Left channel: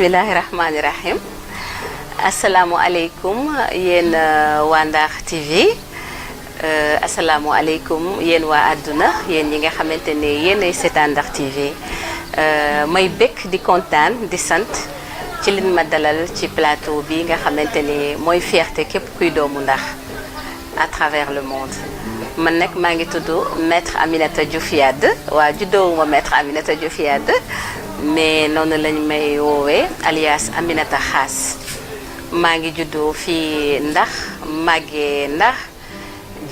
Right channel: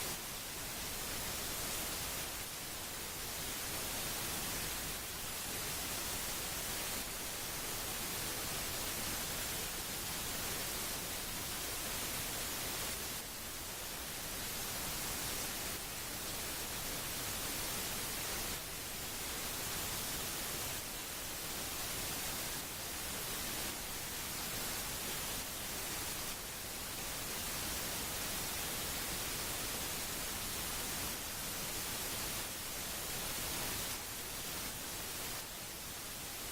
bismillahi rahmaani rahim asalaamualeykum yéen waa Ndar TV asalaamualeykum yéen waa àdduna yéen ñi nga xamante ne yéenay seetaan Ndar TV may bëgg di kontaan di sant ci liñ ma dalal ci plateau bi nga xamante ni mooy fierté képp kuy doomu Ndar à travers le monde man nag maa ngi tudd maître Aminata Diouf Yade waa juddoowuma maître Aminata Diouf Yade mais noonu lañ may woowee alias Aminata Xaas maa ngi juddoo fii Ndar màggee Ndar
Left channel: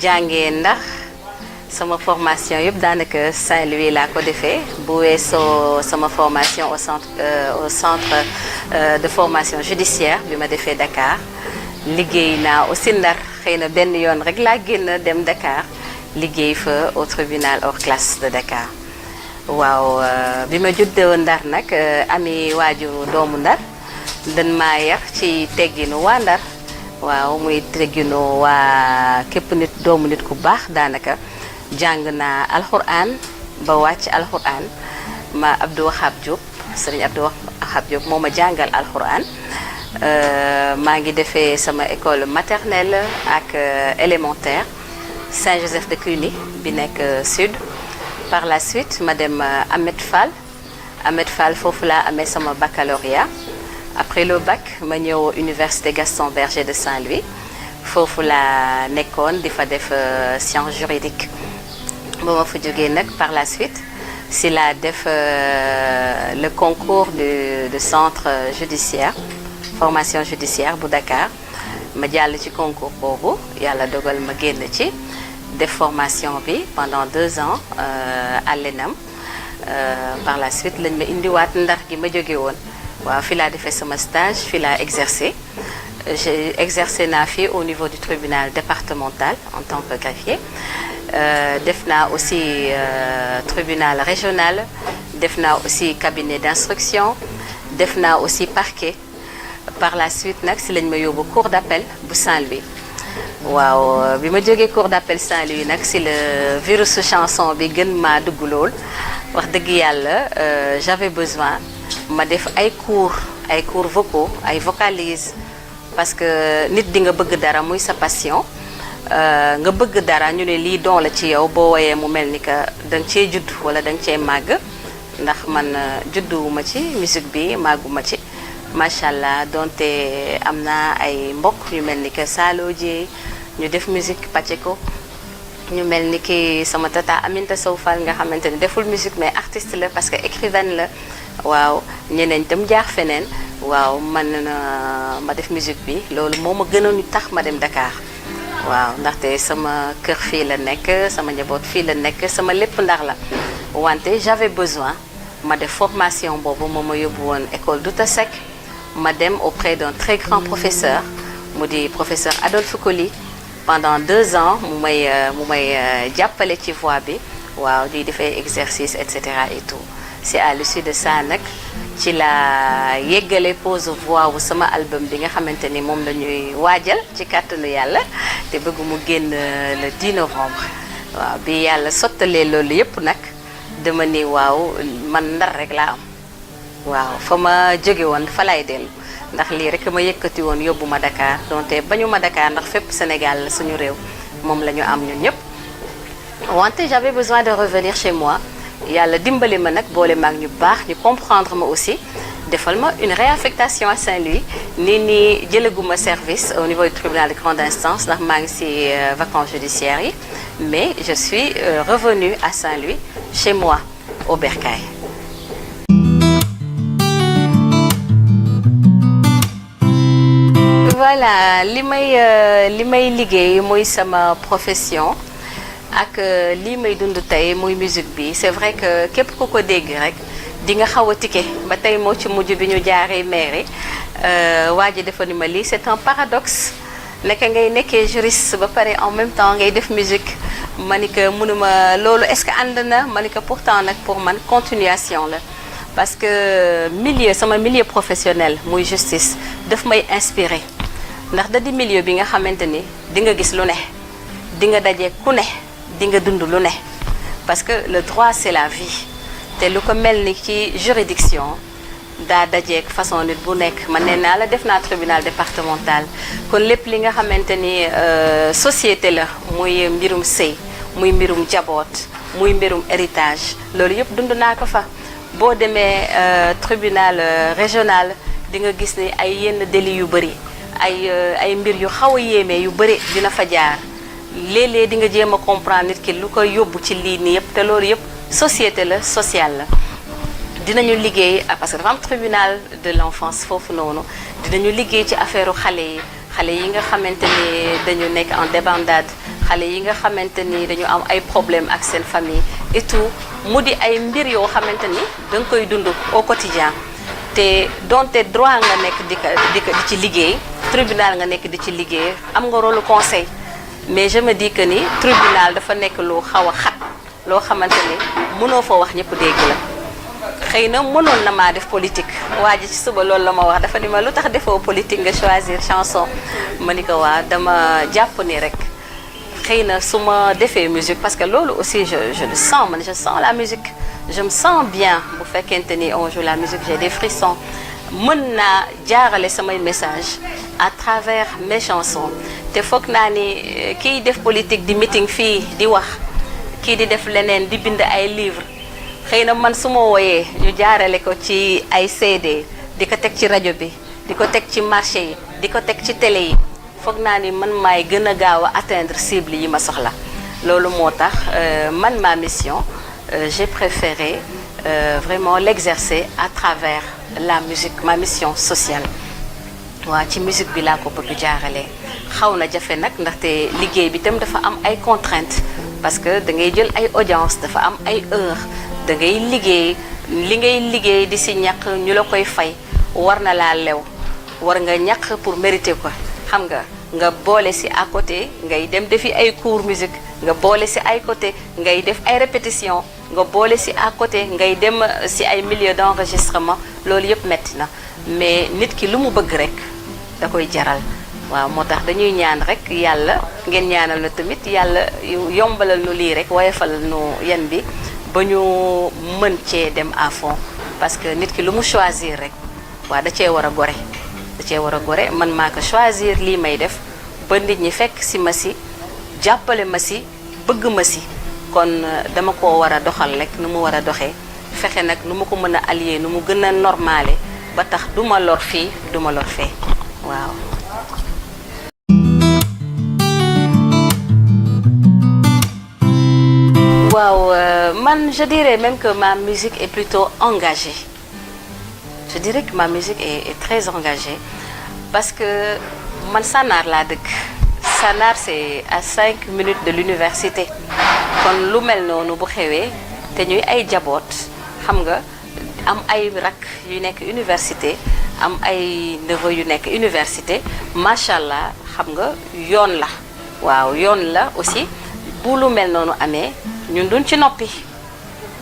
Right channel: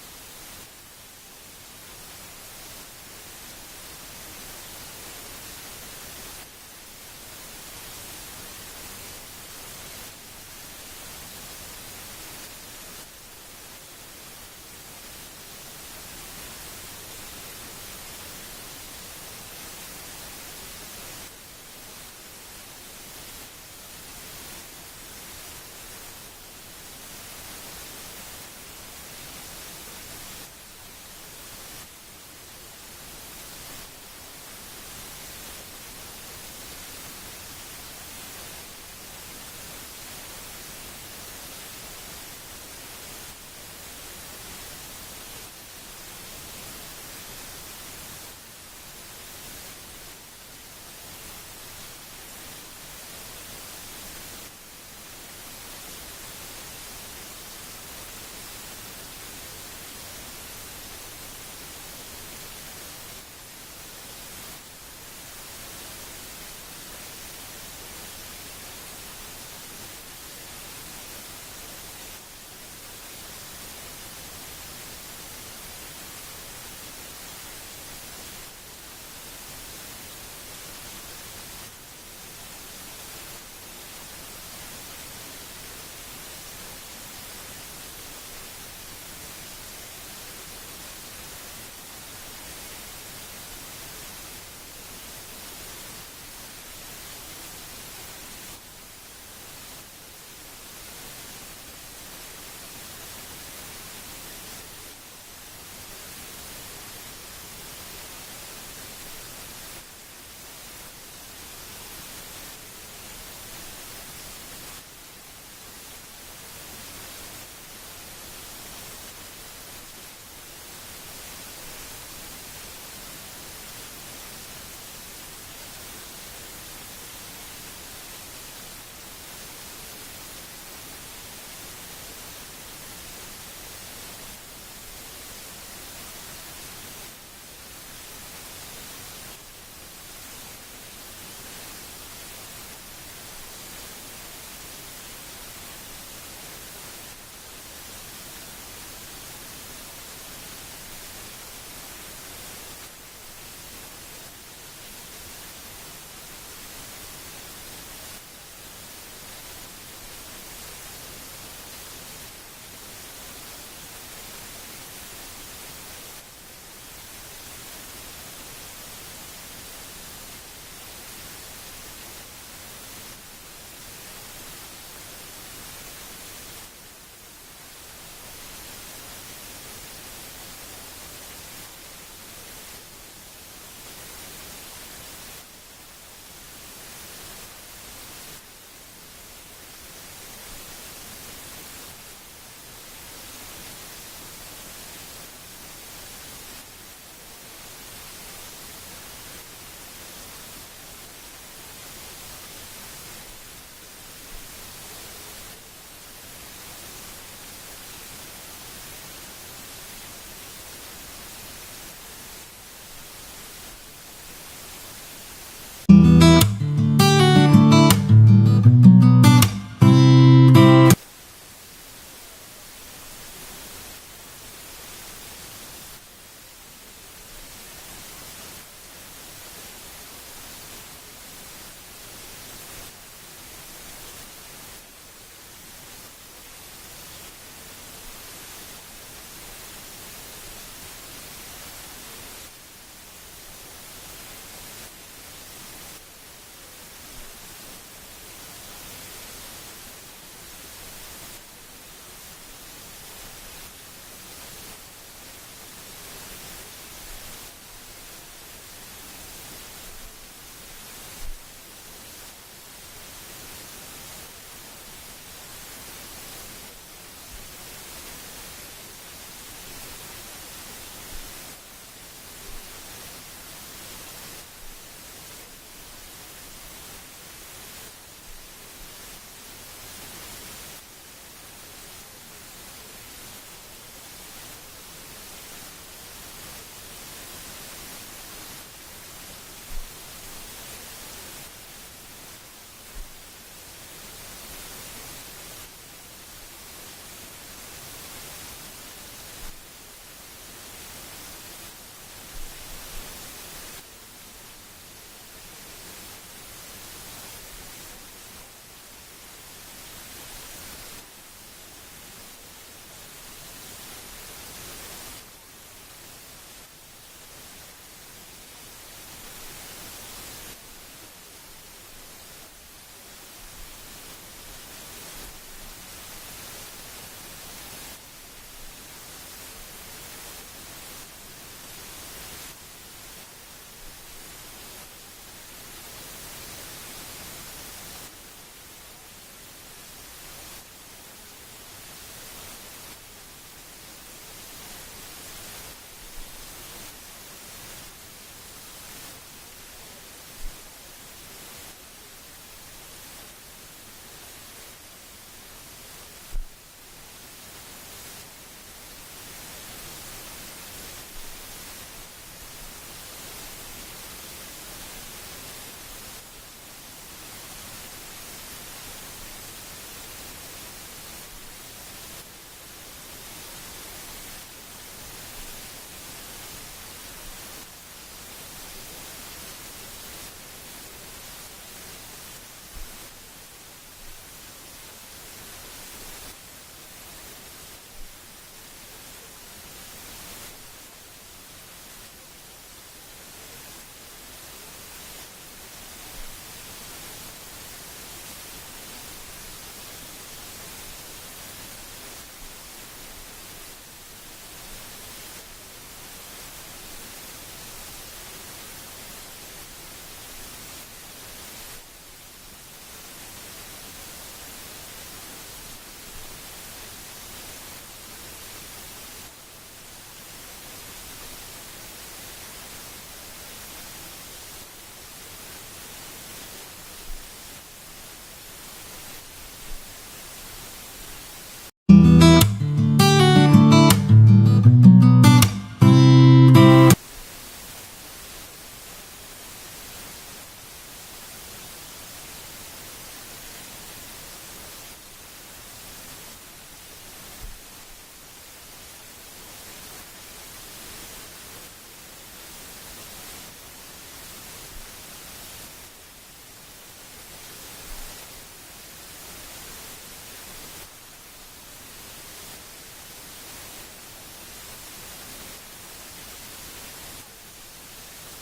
jàngee Ndar sama formation yëpp daanaka Saint-Louis laa ko defee bu weesoo sama formation au centre de formation judiciaire bi ma defee Dakar liggéey naa aussi Ndar xëy na benn yoon rek laa génn dem Dakar liggéey fa au tribunal hors classe de Dakar waaw bi ma juddoo Ndar nag ami waajur doomu Ndar dañ maa yar ci tegginu waa Ndar waaw muy tegginu waa képp nit doomu nit ku baax daanaka jàng naa alxuraan ba wàcc alxuraan ma Abdou Wahab Diop sëriñ Abdou Wahab Diop moo ma jàngal alxuraan maa ngi defee sama école maternelle ak élémentaire Saint-Joseph de Cluny bi nekk sud par la suite ma dem Ahmed Fall foofu laa amee sama baccalauréat après le bac ma ñëw université Gaston Berger de Saint-Louis foofu laa nekkoon di fa def sciences juridiques ba ma fa jógee nag par la suite si laa def le concours de centre judiciaire formation judiciaire bu Dakar ma jàll ci concours boobu yàlla dogal ma génn ci def formation bi pendant 2 ans à l'ENAM par la suite lañ ma indiwaat Ndar gi ma jóge woon waaw fi laa defee sama stage fi laa exercé j'ai exercé naa fi au niveau du tribunal départemental en tant que greffier def naa aussi tribunal régional def naa aussi cabinet d'instruction def naa aussi parquet par la suite nag si lañ ma yóbbu cour d'appel bu Saint-Louis waaw bi ma jógee cour d'appel Saint-Louis nag si le virus chanson bi gën maa dugg lool wax dëgg yàlla j'avais besoin ma def ay cours vocaux ay vocalises parce que nit di nga bëgg dara muy sa passion nga bëgg dara ñu ne lii don la ci yow boo woyee mu mel ni que danga cee judd wala danga cee màgg ndax man judduwuma ci musique bi màgguma ci macha allah donte am na ay mbokk ñu mel ni que Salo Dieng ñu def musique Pacheco ñu mel ni ki sama tata Aminta Sow Fall nga xamante ni deful musique mais artiste la parce que écrivaine la waaw ñeneen itam jaar feneen waaw man ma def musique bi loolu moo ma gënoon tax ma dem Dakar waaw ndaxte sama kër fii la nekk sama njaboot fii la nekk sama lépp Ndar la wante j'avais besoin ma def formation boobu moo ma yóbbu woon école Douta Seck ma dem auprès d'un très grand professeur mu di professeur Adolphe Coly pendant 2 ans mu may jàppale ci voix bi waaw ñuy defee exercice et cetera et tout c'est à l'issue de ça nag ci la yeggale pose voix wu sama album bi nga xamante ni moom la ñuy waajal ci kàttanu yàlla te bëgg mu génn le 10 novembre waaw bi yàlla sottalee loolu yépp nag dama ni waaw man Ndar rek laa am waaw fa ma jóge woon fa lay dellu ndax lii rek ma yëkkati woon yóbbu ma Dakar donte bañu ma Dakar ndax fépp Sénégal la suñu réew moom la ñu am ñun ñëpp wante j'avais besoin de revenir chez moi yàlla dimbali ma nag boole maag ñu baax ñu comprendre ma aussi defal ma une réaffectation à Saint-Louis nii jëlaguma service au niveau du tribunal de grande instance ndax maa ngi ci vacances judiciaires yi mais je suis revenue à Saint-Louis chez moi au Bercail. Voilà li may liggéey muy sama profession ak lii may dund tey muy musique bi c'est vrai que képp ku ko dégg rek di nga xaw a tikke ba tey moo ci mujj bi ñu jaaree mairie waa ji dafa ni ma lii c'est un paradoxe naka ngay nekkee juriste ba pare en même temps ngay def musique ma ni que mënuma loolu est-ce que ànd na ma ni que pourtant nag pour man continuation la parce que sama milieu professionnel muy justice daf may inspirer ndax da di milieu bi nga xamante ni di nga gis lu ne di nga daje ku ne di nga dund lu ne parce que le droit c'est la vie te lu ko mel ni ci juridiction daa dajeek façon nit bu nekk man nee naa la def naa tribunal départemental kon lépp li nga xamante ni société la muy mbirum sëy muy mbirum jaboot muy mbirum héritage loolu yëpp dund naa ko fa boo demee tribunal régional di nga gis ni ay yenn délits yu bëri ay mbir yu xaw a yéeme yu bëri dina fa jaar léeg-léeg di nga jéem a comprendre nit ki lu ko yóbbu ci lii nii yëpp te loolu yëpp société la sociale la dinañu liggéey parce que dafa am tribunal de l'enfance foofu noonu dinañu liggéey ci affaire xale yi nga xamante ni dañu nekk en débandade xale yi nga xamante ni dañu am ay problème ak seen famille et tout mu di ay mbir yoo xamante ni da nga koy dund au quotidien te donte droit nga nekk di ci liggéey tribunal nga nekk di ci liggéey am nga rôle conseil mais je me dis que ni tribunal dafa nekk lu xaw a xat loo xamante ni mënoo fa wax ñëpp dégg la xëy na mënoon na maa def politique waa ji ci suba loolu la ma wax dafa ni ma lu tax defoo politique nga choisir chanson ma ni ko waa dama jàpp ni rek xëy na su ma defee musique parce que loolu aussi je le sens man je sens la musique je me sens bien bu fekkente ni on joue la musique j'ai des frissons mën naa jaarale samay message à travers mes chansons te foog naa ni kiy def politique di meeting fii di wax kii di def leneen di bind ay livres xëy na man su ma wooyee ñu jaarale ko ci ay CD di ko teg ci rajo bi di ko teg ci marché yi di ko teg ci télé yi foog naa ni man maay gën a gaaw a atteindre cible yi ma soxla loolu moo tax man ma mission j'ai préféré vraiment l'exercer à travers la musique ma mission sociale waaw ci musique bi laa ko bëgg jaarale xaw na jafe nag ndaxte liggéey bi tam dafa am ay contraintes parce que da ngay jël ay audience dafa am ay heures da ngay liggéey li ngay liggéey di si ñàkk ñu la koy fay war na laa lew war nga ñàkk pour mériter ko xam nga boole si à côté ngay dem defi ay cours musique nga boole si ay côté ngay def ay répétition nga boole si à côté ngay dem si ay milieu d'enregistrement loolu yëpp metti na mais nit ki lu mu bëgg rek da koy jaral waaw moo tax dañuy ñaan rek yàlla ngeen ñaanal na tamit yàlla yombalal nu lii rek woyofalal nu yan bi ba ñu mën cee dem à fond parce que nit ki lu mu choisir rek waaw da cee war a gore da cee war a gore man maa ko choisir lii may def ba nit ñi fekk si ma si jàppale ma si bëgg ma si kon dama ko war a doxal rek nu mu war a doxee fexe nag nu mu ko mën a allier nu mu gën a normale ba tax du ma lor fii du ma lor fee waaw. Man, je dirais même que ma musique est plutôt engagée. Je dirais que ma musique est très engagée parce que man Sanar laa dëkk Sanar c'est à 5 minutes de l'université kon lu mel noonu bu xewee te ñuy ay jaboot xam nga am ay rak yu nekk université am ay neveu yu nekk université macha allah xam nga yoon la waaw yoon la aussi bu lu mel noonu amee ñun duñ ci noppi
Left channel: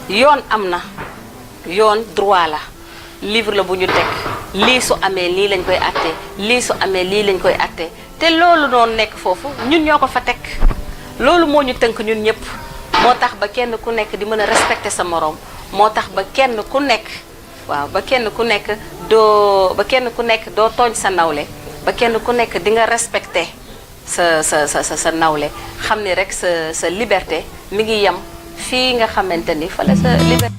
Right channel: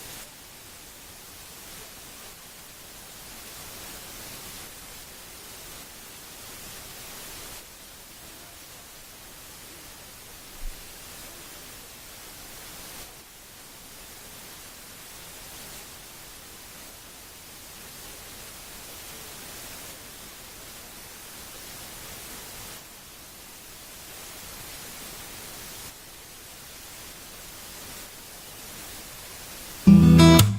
yoon am na yoon droit la livre la bu ñu teg lii su amee lii lañ koy atte lii su amee lii lañ koy atte te loolu noonu nekk foofu ñun ñoo ko fa teg loolu moo ñu tënk ñun ñëpp moo tax ba kenn ku nekk di mën a respecter sa moroom moo tax ba kenn ku nekk waaw ba kenn ku nekk doo tooñ sa nawle ba kenn ku nekk di nga respecter sa nawle xam ni rek sa liberté mi ngi yem fii nga xamante ni fa la sa liberté.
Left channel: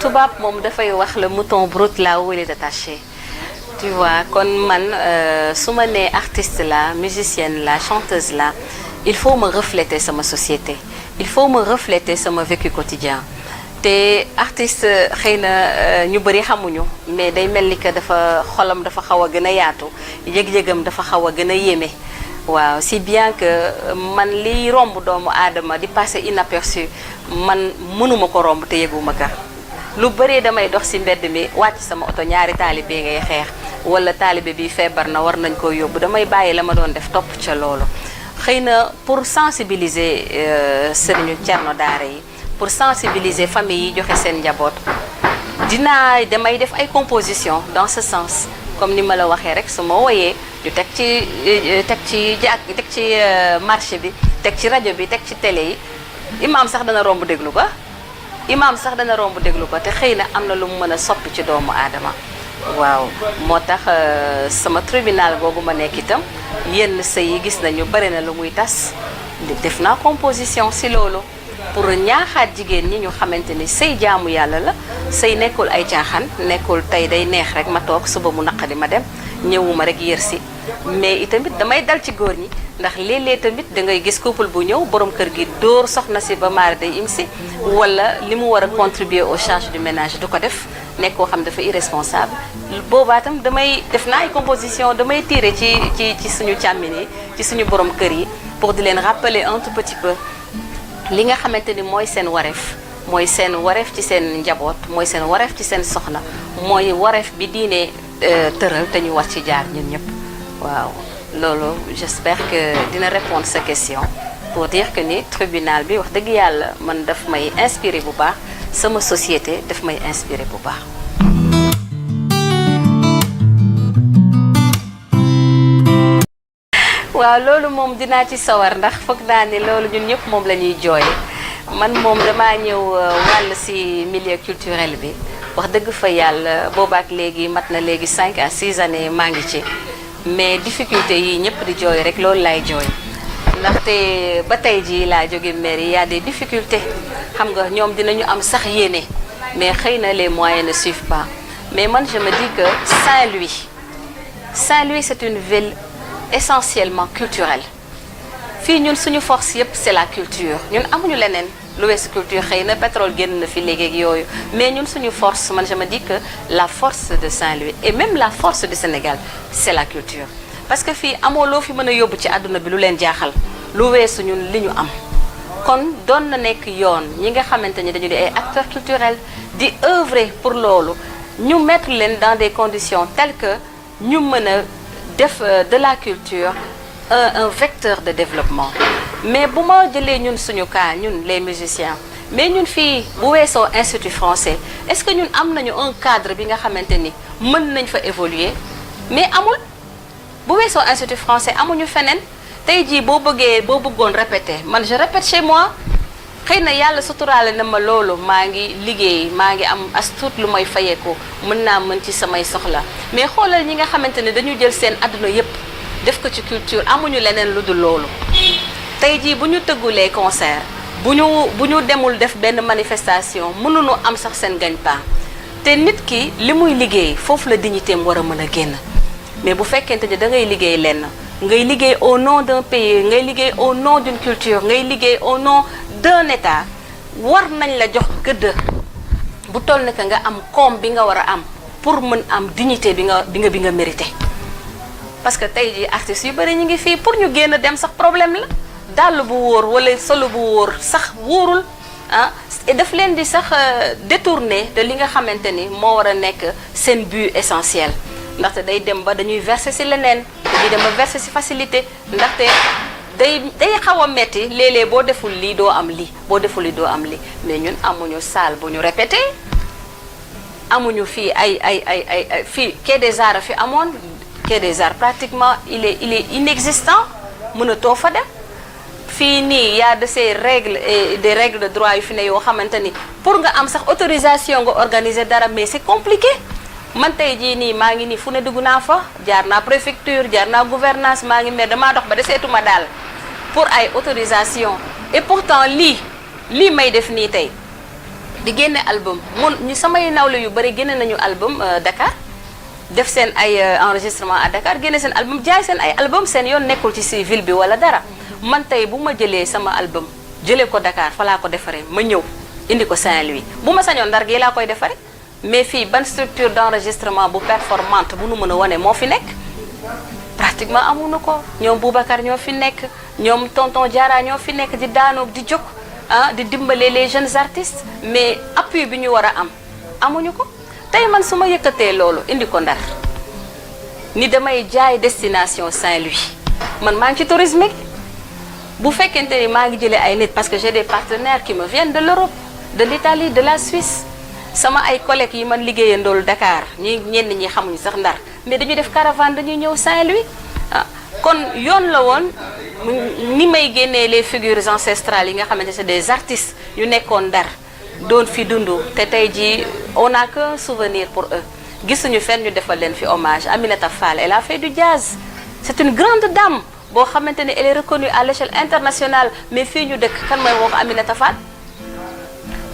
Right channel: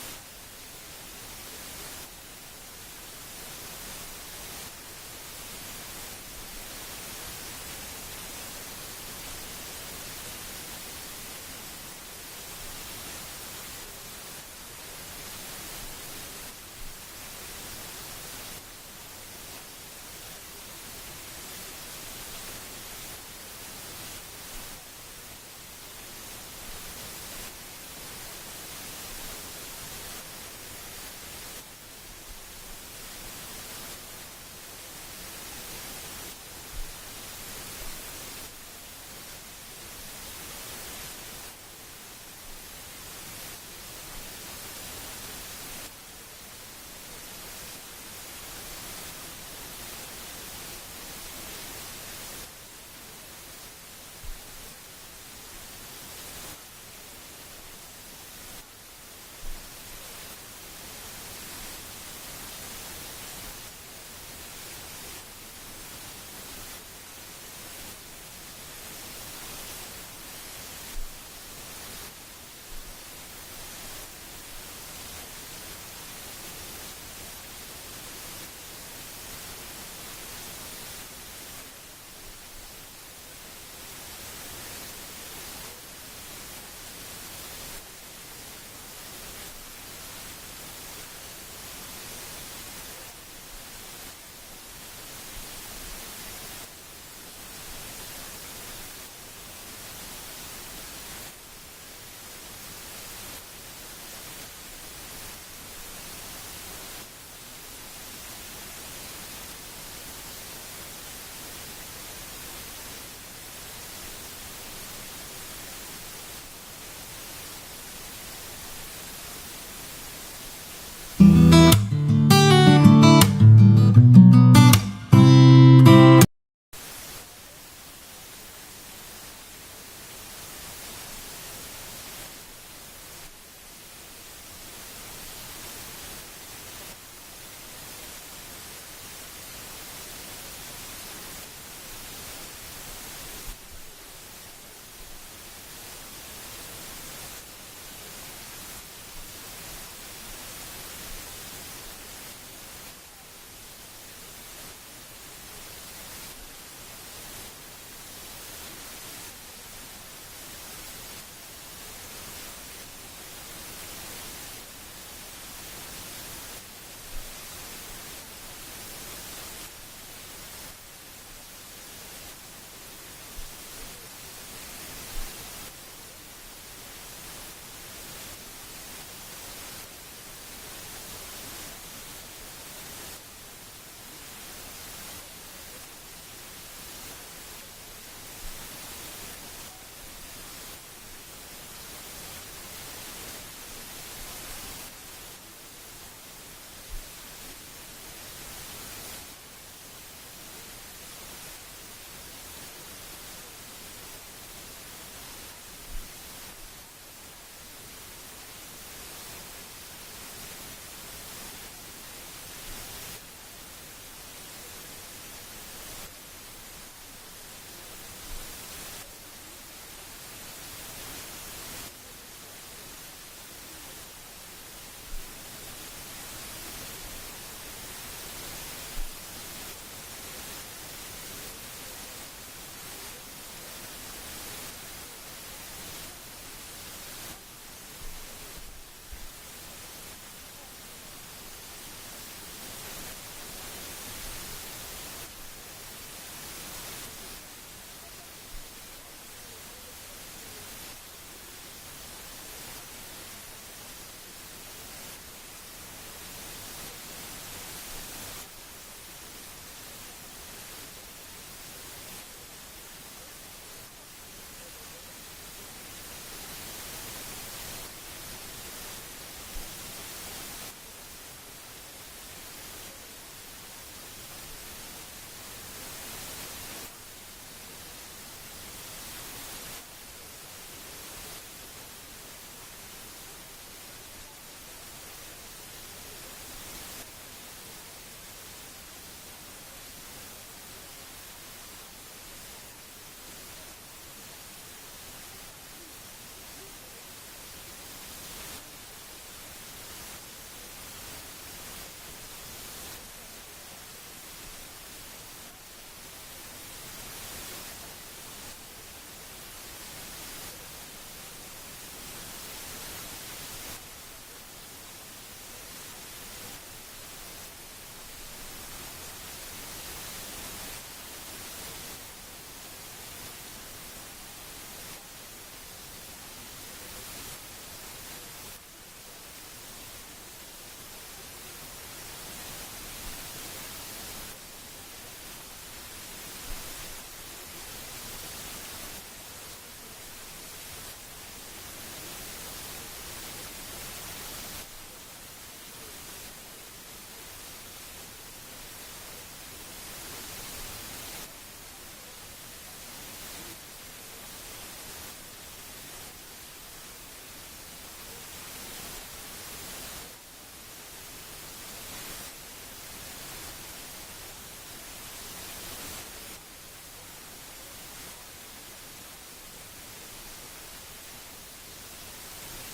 tubaab moom dafay wax le mouton brut là où il est attaché tu vois kon man su ma nee artiste la musicienne la chanteuse la il faut me refléter sama société il faut me refléter sama vécu quotidien te artiste xëy na ñu bëri xamuñu mais day mel ni que dafa xolam dafa xaw a gën a yaatu yëg-yëgam dafa xaw a gën a yéeme waaw si bien que man liy romb doomu aadama di passer inaperçu man mënuma ko romb te yëguma ka lu bëree damay dox si mbedd mi wàcc sama oto ñaari taalibe ngay xeex wala taalibe bi feebar na war nañ ko yóbbu damay bàyyi la ma doon def topp ca loolu xëy na pour sensibiliser sëriñu Cerno daara yi pour sensibiliser famille yi joxe seen njaboot damay def ay composition dans ce sens comme ni ma la waxee rek su ma woyee ñu teg ci marché bi teg ci rajo bi teg ci télé yi imaam sax dana romb déglu ko imaam sax dana romb déglu ko te xëy na am na lu mu mën a soppi ci doomu aadama waaw moo tax sama tribunal googu ma nekk itam yenn sëy yi gis nañu bari na lu muy tas def naa composition si loolu pour ñaaxaat jigéen ñi ñu xamante ni sëy jaamu yàlla la sëy nekkul ay caaxaan nekkul tey day neex rek ma toog suba mu naqadi ma dem ñëwuma rek yër si mais itamit damay dal ci góor ñi ndax léeg-léeg tamit da ngay gis couple bu ñëw borom kër gi dóor soxna si ba maari day im si wala li mu war a contribuer aux charges du ménage du ko def nekk koo xam dafa irresponsable boobaa tam damay def naa ay composition damay tirer ci suñu càmmin yi ci suñu borom kër yi pour di leen rappeler un tout petit peu li nga xamante ni mooy seen wareef ci seen njaboot mooy seen wareef ci seen soxna mooy wareef bi diine tëral te ñu war ci jaar ñun ñëpp waaw loolu j'espère que dina répondre sa question pour dire que ni tribunal bi wax dëgg yàlla man daf may inspiré bu baax sama société daf may inspiré bu baax. waaw loolu moom dinaa ci sawar ndax foog naa ni loolu ñun ñëpp moom la ñuy jooy man moom damaa ñëw wàll ci milieu culturel bi wax dëgg fa yàlla boobaak léegi mat na léegi 5 à 6 années maa ngi ci mais difficulté yi ñëpp di jooy rek loolu laay jooy ndaxte ba tey jii laa jóge mairie y a des difficultés xam nga ñoom dinañu am sax yéene mais xëy na les moyens ne suivent pas mais man je me dis que Saint-Louis c'est une ville essentiellement culturelle fii ñun suñu force yëpp c'est la culture ñun amuñu leneen lu weesu culture xëy na pétrole génn na fi léegi ak yooyu mais ñun suñu force man je me dis que la force de Saint-Louis et même la force du Sénégal c'est la culture parce que fii amoo loo fi mën a yóbbu ci àdduna bi lu leen jaaxal lu weesu ñun li ñu am kon doon na nekk yoon ñi nga xamante ni dañu di ay acteurs culturels di œuvrer pour loolu ñu mettre leen dans des conditions telles que ñu mën a def de la culture un vecteur de développement mais bu ma jëlee ñun suñu cas ñun les musiciens mais ñun fii bu weesoo institut français est-ce que ñun am nañu un cadre bi nga xamante ni mën nañ fa évoluer mais amul bu weesoo institut français amuñu feneen tey jii boo bëggoon répéter man je répète chez moi xëy na yàlla suturaale na ma loolu maa ngi liggéey maa ngi am as tuut lu may fayeeku mën naa mën ci samay soxla mais xoolal ñi nga xamante ne dañu jël seen àdduna yépp def ko ci culture amuñu leneen lu dul loolu tey jii bu ñu tëggulee concert bu ñu demul def benn manifestation mënuñu am sax seen gagne-pain te nit ki li muy liggéey foofu la dignité am war a mën a génn mais bu fekkente ni da ngay liggéey lenn ngay liggéey au nom d'un pays ngay liggéey au nom d'une culture ngay liggéey au nom d'un état war nañ la jox gëdd bu toll ne que nga am koom bi nga war a am pour mën am dignité bi nga mérité parce que tey jii artistes yu bëri ñu ngi fii pour ñu génn dem sax problème la dàll bu wóor wala solo bu wóor sax wóorul ah daf leen di sax détourner de li nga xamante ni moo war a nekk seen but essentiel ndaxte day dem ba dañuy verser ci leneen dañuy dem ba verser ci facilité ndaxte day xaw a metti léeg-léeg boo deful lii doo am lii boo deful lii doo am lii mais ñun amuñu salle bu ñu répété amuñu fii ay fii Quai des Arts fi amoon Quai des Arts pratiquement il est inexistant mënatoo fa dem fii nii y a de ces règles et des règles de droit yu fi ne yoo xamante ni pour nga am sax autorisation nga organiser dara mais c'est compliqué man tey jii nii maa ngi nii fu ne dugg naa fa jaar naa préfecture jaar naa gouvernance maa ngi mais damaa dox ba deseetuma daal pour ay autorisation et pourtant lii may def nii tey di génne album ñu samay nawle yu bëri génne nañu album Dakar def seen ay enregistrement à Dakar génne seen album jaay seen ay album seen yoon nekkul ci ville bi wala dara man tey bu ma jëlee sama album jëlee ko Dakar fa laa ko defaree ma ñëw indi ko Saint-Louis bu ma sañoon Ndar gi laa koy defaree mais fii ban structure d'enregistrement bu performante bu nu mën a wane moo fi nekk pratiquement amuñu ko ñoom Boubacar ñoo fi nekk ñoom tonton Diarra ñoo fi nekk di daanoog di jóg di dimbale les jeunes artistes mais appui bi ñu war a am amuñu ko tey man su ma yëkkatee loolu indi ko Ndar ni damay jaay destination Saint-Louis man maa ngi ci tourisme bu fekkente ni maa ngi jëlee ay nit parce que j'ai des partenaires qui me viennent de l'Europe de l'Italie de la Suisse sama ay collègues yi man liggéeyandool Dakar ñenn ñi xamuñu sax Ndar mais dañuy def caravane dañuy ñëw Saint-Louis kon yoon la woon ni may génnee les figures ancestrales yi nga xamante c'est des artistes yu nekkoon Ndar doon fi dund te tey jii on n'a qu'un souvenir pour eux gisuñu fenn ñu defal leen fi hommage. Aminata Fall, elle a fait du jazz, c'est une grande dame boo xamante ne elle est reconnue à l'échelle internationale, mais fii ñu dëkk kan mooy woo ko Aminata Fall.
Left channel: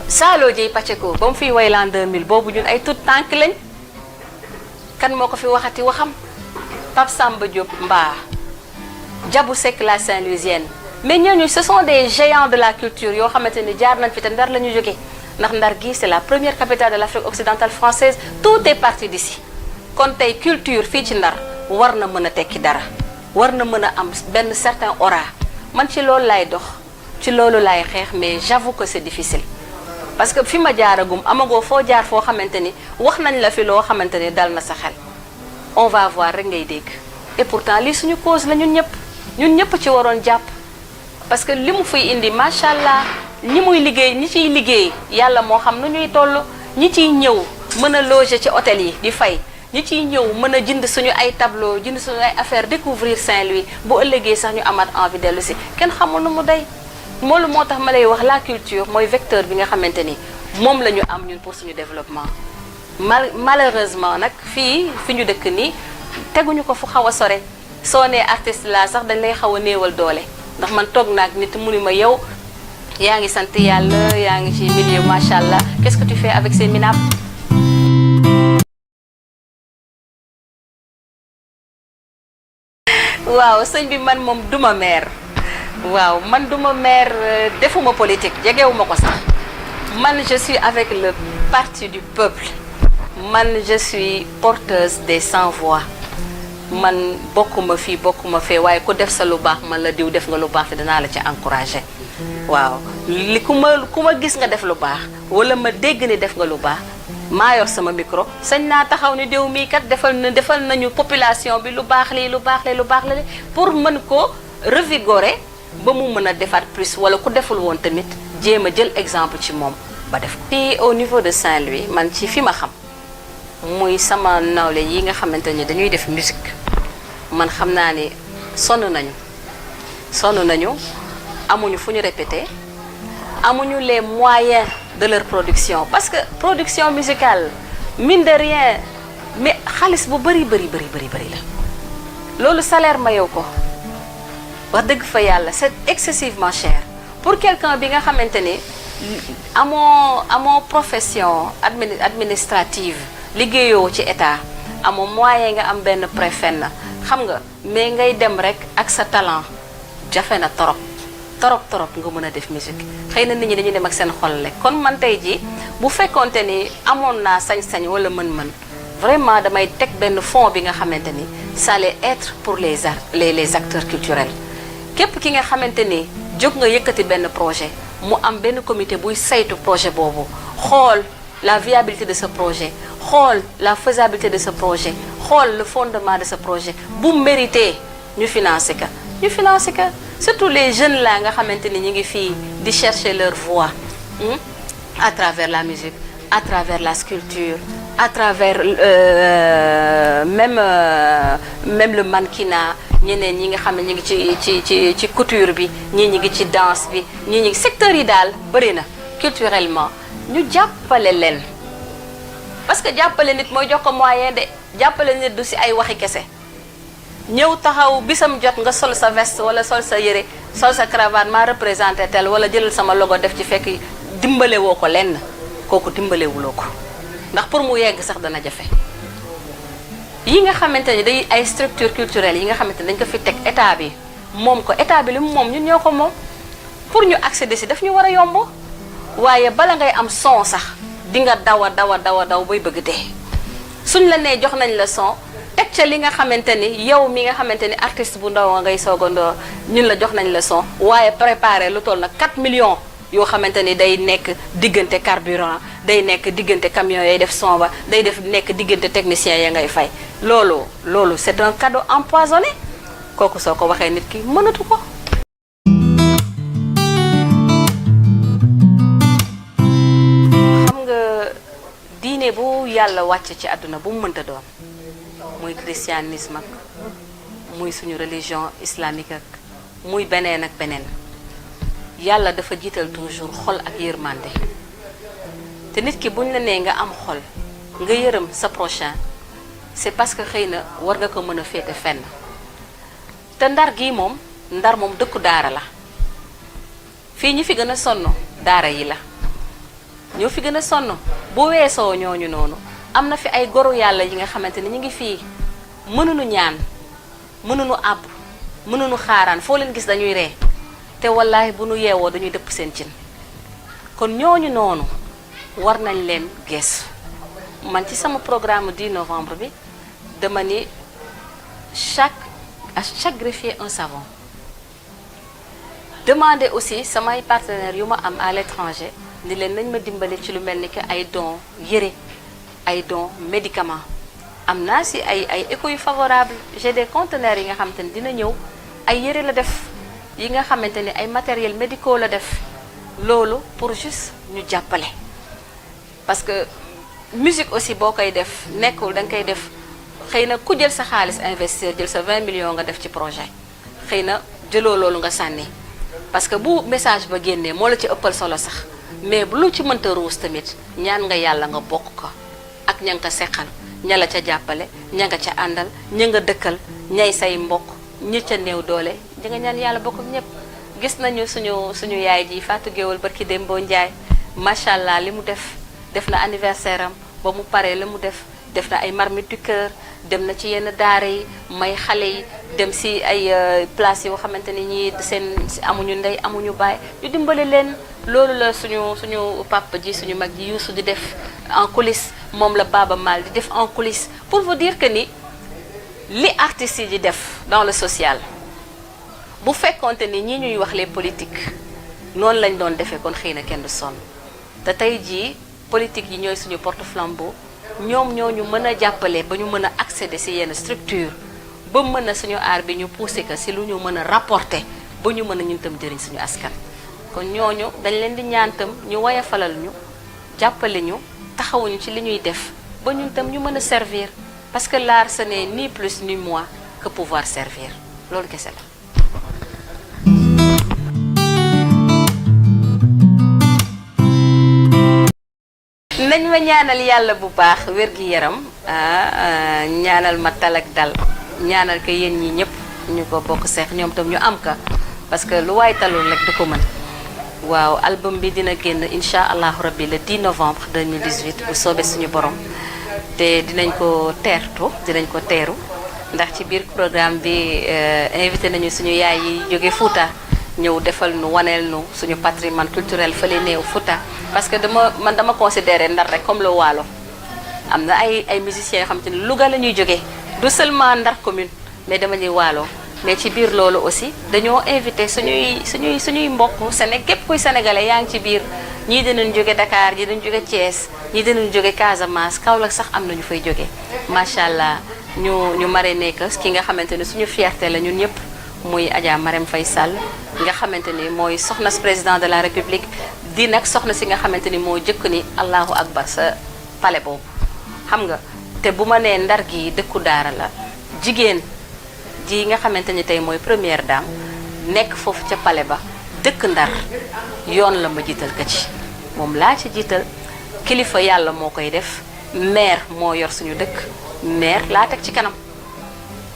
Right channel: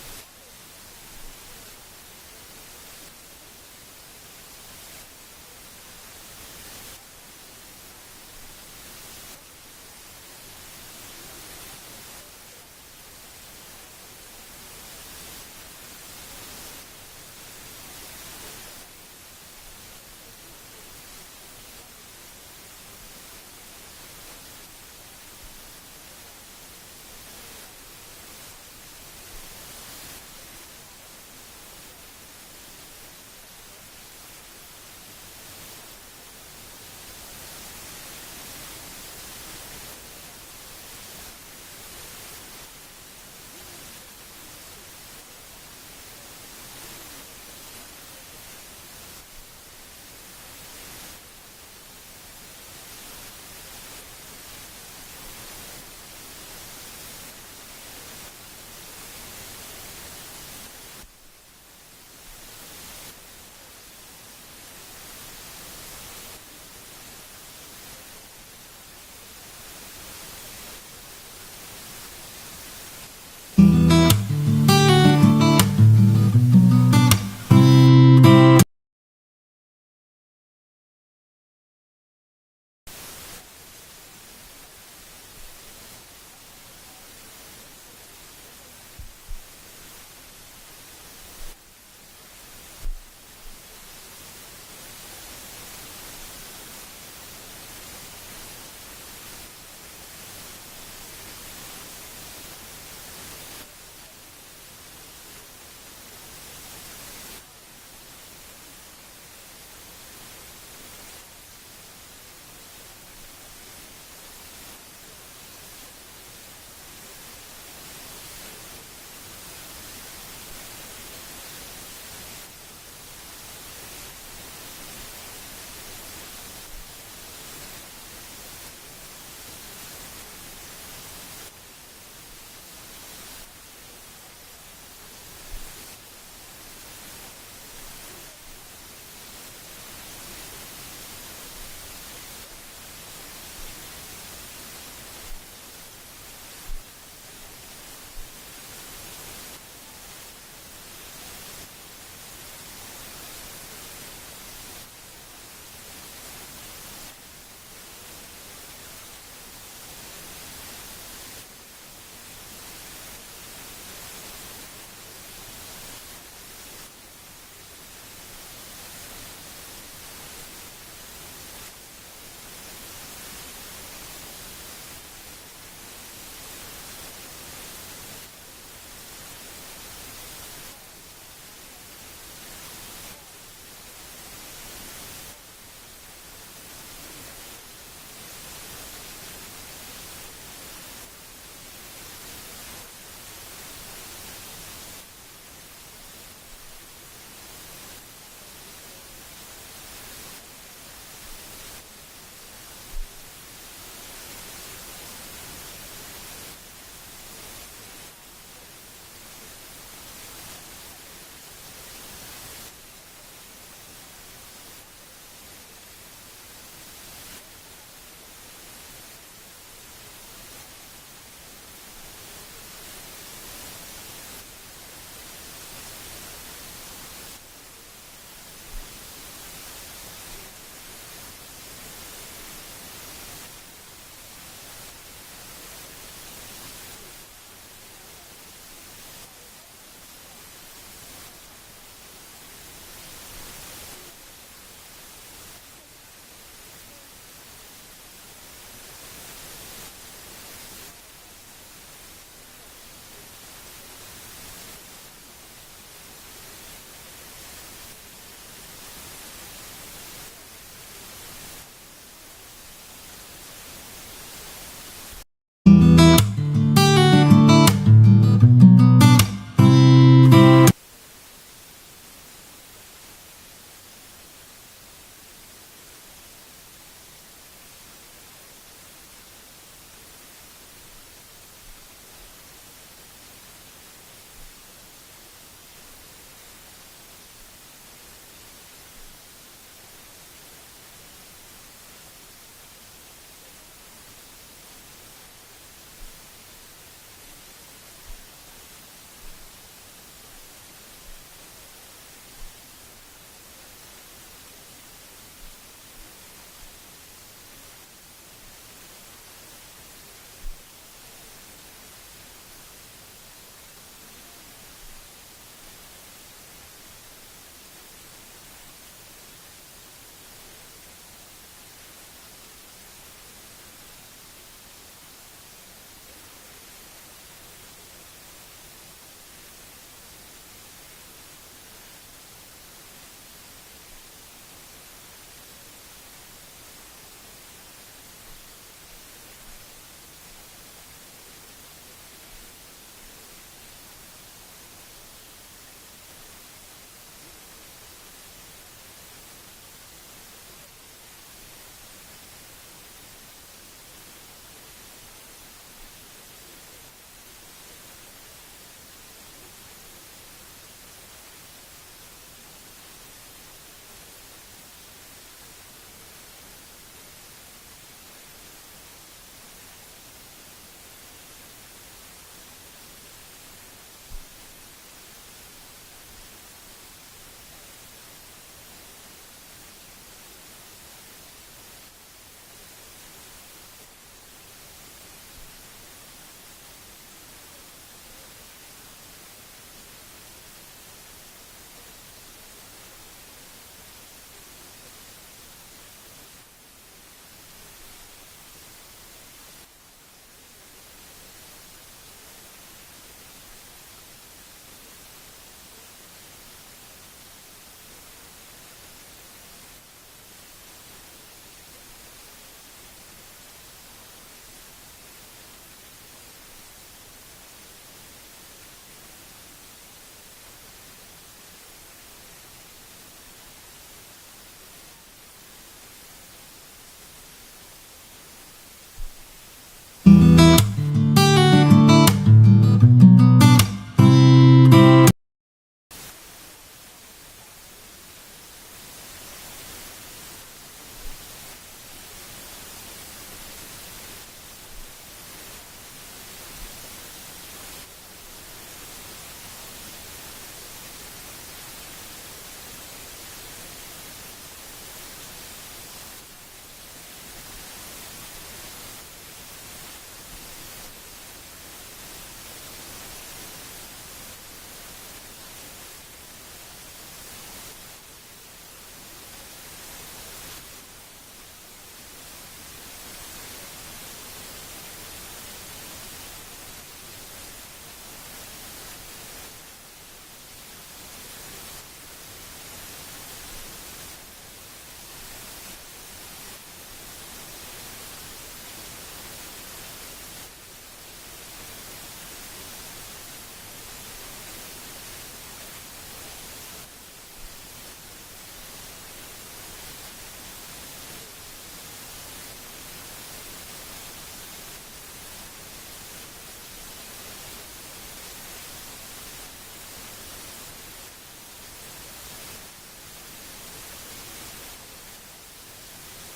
Salo Dieye Pacheco ba mu fiy way l'an 2000 boobu ñun ay tout tànk lañ, kan moo ko fi waxati waxam. Pape Samba Diop Mba, Diabou Seck la Saint-Louisienne, mais ñooñu ce sont des géants de la culture yoo xamante ni jaar nañ fi te Ndar la ñu jógee ndax Ndar gi c'est la première capitale de l'Afrique occidentale française, tout est parti d'ici. kon tey culture fii ci Ndar war na mën a tekki dara, war na mën a am benn certain aura. man ci loolu laay dox, ci loolu laay xeex, mais j'avoue que c'est difficile parce que fi ma jaaragum amagoo foo jaar foo xamante ni wax nañ la fi loo xamante ni dal na sa xel. On va voir rek ngay dégg et pourtant lii suñu cause la ñun ñëpp ci waroon jàpp parce que li mu fiy indi macha allah ñi muy liggéey ñi ciy liggéey yàlla moo xam nu ñuy toll, ñi ciy ñëw mën a loger ci hôtel yi di fay, ñi ciy ñëw mën a jënd suñu ay tableau jënd suñu ay affaire découvrir Saint-Louis bu ëllëgee sax ñu amaat envie dellu si kenn xamul nu mu day. moolu moo tax ma lay wax la culture mooy vecteur bi nga xamante ni moom la ñu am ñun pour suñu développement. Malheureusement nag fii fi ñu dëkk nii teguñu ko fu xaw a sore soo nee artiste la sax dañ lay xaw a néewal doole ndax man toog naag nit mu ni ma yow yaa ngi sant yàlla yaa ngi ci milieu macha allah qu'est-ce que tu fais avec ces minables. waaw sëñ bi man moom duma maire, waaw man duma maire, defuma politique jegewuma ko sax man je suis avec le parti du peuple. Man je suis porteuse des sans voix man bokkuma fii bokkuma fee waaye ku def sa lu baax man la diw def nga lu baax te danaa la ci encourager. waaw li ku ma gis nga def lu baax wala ma dégg ni def nga lu baax maa yor sama micro sañ naa taxaw ni diw mii kat defal nañu population bi lu baax lii lu baax li pour mën ko revigorer ba mu mën a defaat plus wala ku deful woon tamit jéem a jël exemple ci moom ba def ko. fii au niveau de Saint-Louis man ci fi ma xam. muy sama nawle yi nga xamante ni dañuy def musique man xam naa ni sonn nañu amuñu fu ñu répéter amuñu les moyens de leur production parce que production musicale mine de rien mais xaalis bu bari la loolu salaire mayow ko wax dëgg fa yàlla c'est excessivement cher pour quelqu'un bi nga xamante ni amoo profession administrative liggéeyoo ci état amoo moyen nga am benn préfet na xam nga mais ngay dem rek ak sa talent jafe na torop nga mën a def musique xëy na nit ñi dañuy dem ak seen xol rek kon man tey ji bu fekkonte ni amoon naa sañ-sañ wala mën-mën vraiment damay teg benn fond bi nga xamante ni ça allait être pour les acteurs culturels képp ki nga xamante ni jóg nga yëkkati benn projet mu am benn comité buy saytu projet boobu xool la viabilité de ce projet xool la faisabilité de ce projet xool le fondement de ce projet bu mérité ñu financer ka surtout les jeunes là nga xamante ni ñu ngi fii di chercher leur voix à travers la musique à travers la sculpture à travers même le mannequinat ñeneen ñi nga xam ne ñu ngi ci couture bi ñii ñi ngi ci danse bi ñii ñi ngi secteurs yi daal bëri na culturellement ñu jàppale leen parce que jàppale nit mooy jox ko moyen de jàppale nit du si ay waxi kese ñëw taxaw bisam jot nga sol sa veste wala sol sa yére sol sa cravate maa représenté tel wala jëlal sama logo def ci fekk dimbale woo ko lenn kooku dimbalewuloo ko ndax pour mu yegg sax dana jafe yi nga xamante ni day ay structure culturelle yi nga xamante ni dañ ko fi teg état bi moom ko état bi li mu moom ñun ñoo ko moom pour ñu accéder si daf ñu war a yomb waaye bala ngay am son sax di nga daw bay bëgg dee suñ la nee jox nañ la son teg ca li nga xamante ni yow mi nga xamante ni artiste bu ndaw ngay soogandoo ñun la jox nañ la son waaye préparé lu toll nag 4 millions yoo xamante ni day nekk diggante carburant day nekk diggante camion yay def son ba day nekk diggante technicien ya ngay fay loolu c'est un cadeau empoisonné kooku soo ko waxee nit ki mënatu ko. xam nga diine bu yàlla wàcc ci àdduna bu mu mënta doon muy christianisme ak muy suñu religion islamique ak muy beneen ak beneen yàlla dafa jiital toujours xol ak yërmande te nit ki buñ la nee nga am xol nga yërëm sa prochain c'est parce que xëy na war nga ko mën a féete fenn te ndar gii moom ndar moom dëkku daara la fii ñi fi gën a sonn daara yi la ñoo fi gën a sonn bu weesoo ñooñu noonu am na fi ay goru yàlla yi nga xamante ni ñu ngi fii mënuñu ñaan mënuñu àbb mënuñu xaaraan foo leen gis dañuy ree te wallaahi bu nu yeewoo dañuy dëpp seen cin kon ñooñu noonu war nañ leen geesu man ci sama programme 10 novembre bi dama ni à chaque greffier un savon demander aussi samay partenaires yu ma am à l'étranger ni leen nañ ma dimbali ci lu mel ni que ay dons yére ay dons médicaments am naa si ay échos yu favorable j'ai des conteneurs yi nga xamante ni dina ñëw ay yére la def yi nga xamante ni ay matériels médicaux la def loolu pour juste ñu jàppale parce que musique aussi boo koy def nekkul da nga koy def xëy na ku jël sa xaalis investir jël sa 20 millions nga def ci projet xëy na jëloo loolu nga sànni parce que bu message ba génnee moo la ci ëppal solo sax mais bu lu ci mënta ruus tamit ñaan nga yàlla nga bokk ko ak ña nga ko seqal ña la ca jàppale ña nga ca àndal ña nga dëkkal ñay say mbokk ñi ca néew doole ñi nga ñaan yàlla bokk ak ñëpp gis nañu suñu yaay ji Fatou Guewel barki Dembo Ndiaye macha allah li mu def na anniversaire am ba mu paree la mu def na ay marmite du cœur dem na ci yenn daara yi may xale yi dem si ay place yoo xamante ni ñii seen amuñu ndey amuñu baay ñu dimbali leen loolu la suñu papa ji suñu mag ji Youssou di def en coulisses moom la Baba Mal di def en coulisses pour vous dire que ni li artistes yi di def dans le social bu fekkonte ni ñi ñuy wax les politiques noonu lañ doon defee kon xëy na kenn du sonn te tey jii politique yi ñooy suñu porte-flambeau ñoom ñoo ñu mën a jàppale ba ñu mën a accéder ci yenn structure ba mën a suñu aar bi ñu pousser ko ci lu ñu mën a rapporter ba ñu mën a ñun tam jëriñ suñu askan kon ñooñu dañ leen di ñaan tam ñu woyofalal ñu jàppale ñu taxawuñu ci li ñuy def ba ñun tam ñu mën a servir parce que l'art ce n'est ni plus ni moins que pouvoir servir loolu kese la. nañ ma ñaanal yàlla bu baax wér-gi-yaram ñaanal ma tal ak dal ñaanal ko yéen ñi ñëpp ñu ko bokk seex ñoom tam ñu am ka parce que lu waay talul rek du ko mën waaw album bi dina génn incha allahu rabbi le 10 novembre 2018 bu soobee suñu borom te dinañ ko teeru ndax ci biir programme bi invité nañu suñu yaay yi jóge Fouta ñëw defal nu waneel nu suñu patrimoine culturel fële néew Fouta parce que dama considérer Ndar rek comme le Waalo am na ay musiciens yoo xam te ne Louga la ñuy jógee du seulement Ndar commune mais dama ñuy Waalo mais ci biir loolu aussi dañoo invité suñuy mbokk képp kuy sénégalais yaa ngi ci biir ñii dinañ jóge Dakar ñii dinañ jóge Thiès ñii dinañ jóge Casamance Kaolack sax am na ñu fay jóge macha allah ñu marraine ko ki nga xamante ne suñu fierté la ñun ñëpp muy Adja Marème Faye Sall nga xamante ni mooy soxna si président de la république di nag soxna si nga xamante ni moo jëkk ni allahu akbar sa palais boobu xam nga te bu ma nee Ndar gi dëkku daara la jigéen ji nga xamante ni tey mooy première dame nekk foofu ca palais ba dëkk Ndar yoon la ma jiital ka ci moom laa ci jiital kilifa yàlla moo koy def maire moo yor suñu dëkk maire laa teg ci kanam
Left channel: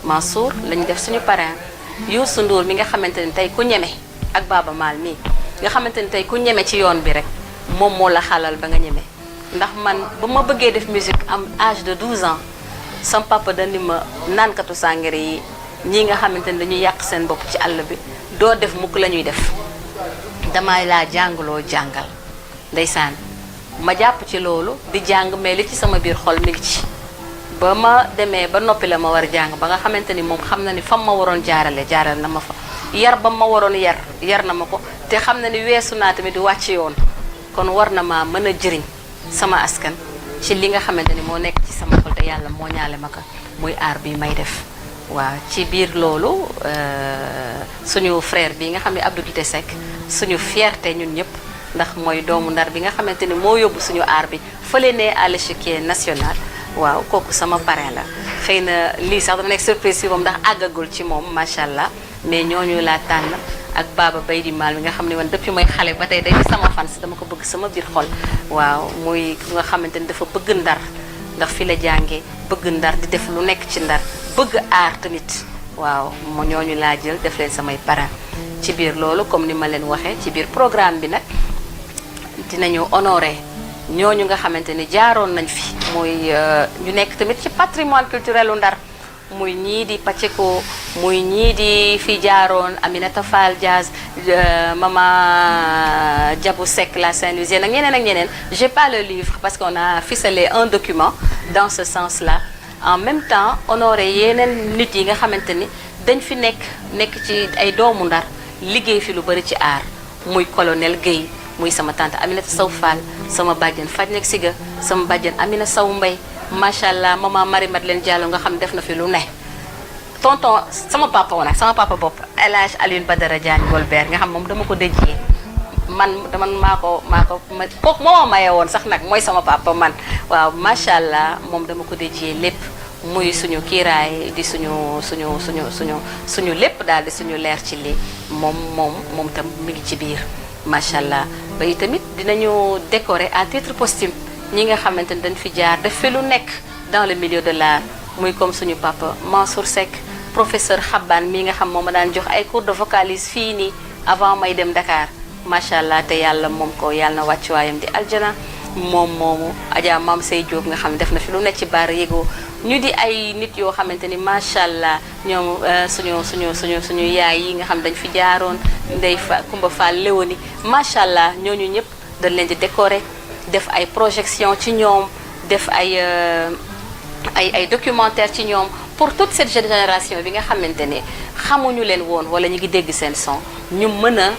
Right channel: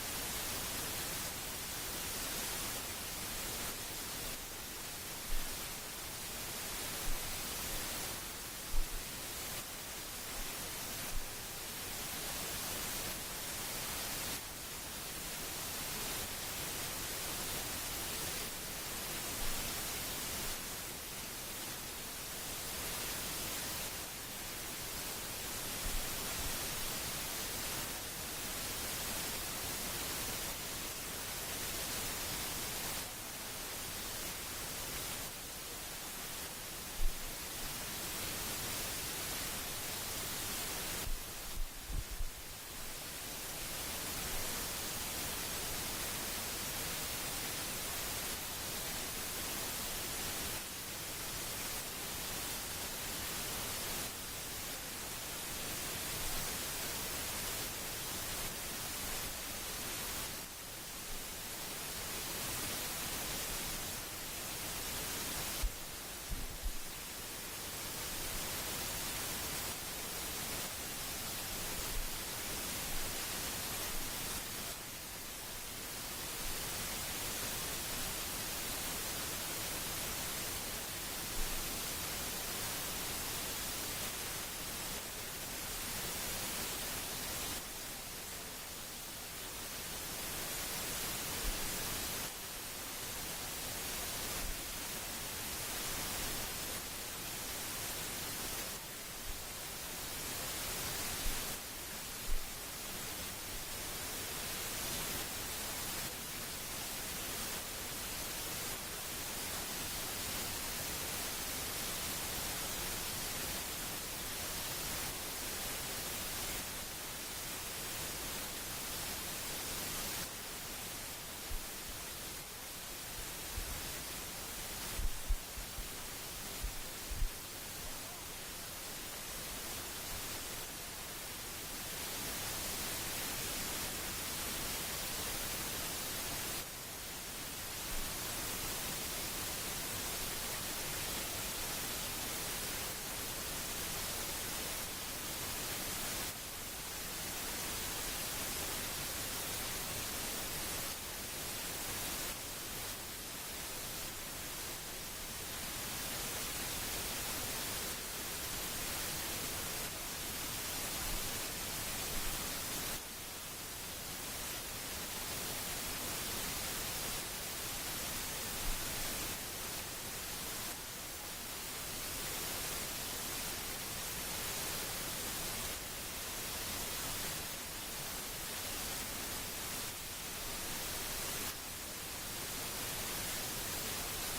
Mansour lañu def suñu parrain Youssou Ndour mi nga xamante ni tey ku ñeme ak Baba Maal mii nga xamante ni tey ku ñeme ci yoon bi rek moom moo la xalal ba nga ñeme ndax man ba ma bëggee def musique am âge de 12 ans sam papa dandi ma naankatu sàngara yi ñii nga xamante ni dañuy yàq seen bopp ci àll bi doo def mukk la ñuy def damay laa jàngaloo jàngal ndeysaan ma jàpp ci loolu di jàng mais li ci sama biir xol mi ngi ci ba ma demee ba noppi la ma war a jàng ba nga xamante ni moom xam na ni fam ma waroon jaaral na ma fa yar ba ma waroon yar na ma ko te xam na ni weesu naa tamit di wàcc yoon kon war na ma mën a jëriñ sama askan ci li nga xamante ni moo nekk ci sama xol te yàlla moo ñaale ma ko muy aar bi may def waaw ci biir loolu suñu frère bi nga xam ne Abdou Guité Seck suñu fierté ñun ñëpp ndax mooy doomu Ndar bi nga xamante ni moo yóbbu suñu aar bi fële ne à l'échiquier national waaw kooku sama parrain la xëy na lii sax dafa nekk surprise si moom ndax àggagul ci moom macha allah ne ñooñu laa tànn ak Baba Bay di Mal mi nga xam ne man depuis mooy xale ba tey day sama fans dama ko bëgg sama biir xol waaw muy nga xamante ni dafa bëgg Ndar ndax fi la jàngee bëgg Ndar di def lu nekk ci Ndar bëgg aar tamit waaw mo ñooñu laa jël def leen samay parents ci biir loolu comme ni ma leen waxee ci biir programme bi nag dinañu honoré ñooñu nga xamante ni jaaroon nañ fi muy ñu nekk tamit ci patrimoine culturel u Ndar muy ñii di Pacheco muy ñii di fi jaaroon Aminata Fall Diaz Mama Diabou Seck la Saint-Louisienne ak ñeneen j'ai pas le livre parce qu'on a ficelé un document dans ce sens-là en même temps honoré yeneen nit yi nga xamante ni dañ fi nekk ci ay doomu Ndar liggéey fi lu bari ci aar muy colonel Guèye muy sama tante Aminata Sow Fall sama bàjjen Fajnek Siga sama bàjjen Amina Sow Mbay macha allah maman Marie Madeleine Diallo nga xam def na fi lu ne tonton sama papa woon ak sama papa bopp El Hadj Alioune Badara Diagne Golbert nga xam moom dama ko déjee man maa ko kooku moo ma maye woon sax nag mooy sama papa man waaw macha allah moom dama ko déjee lépp muy suñu kiiraay di suñu lépp daal di suñu leer ci lii moom tam mi ngi ci biir macha allah ba tamit dinañu décorer à titre posthume ñi nga xamante ni dañ fi jaar def fi lu nekk dans le milieu de l'art muy comme suñu papa Mansour Seck professeur Xaban mii nga xam moom ma daan jox ay cours de vocalise fii nii avant may dem Dakar macha allah te yàlla moom ko yàlla na wàccuwaayam di aljana moomu Adja Mam Sey Diop nga xam ne def na fi lu nekk ci baar yéegoo ñu di ay nit yoo xamante ni macha allah ñoom suñu yaay yi nga xam dañ fi jaaroon Ndey Fa Kumba Fall Léoni macha allah ñooñu ñëpp dañ leen di décorer def ay projection ci ñoom def ay documentaire ci ñoom pour toute cette génération bi nga xamante ne xamuñu leen woon wala ñu ngi dégg seen son ñu mën a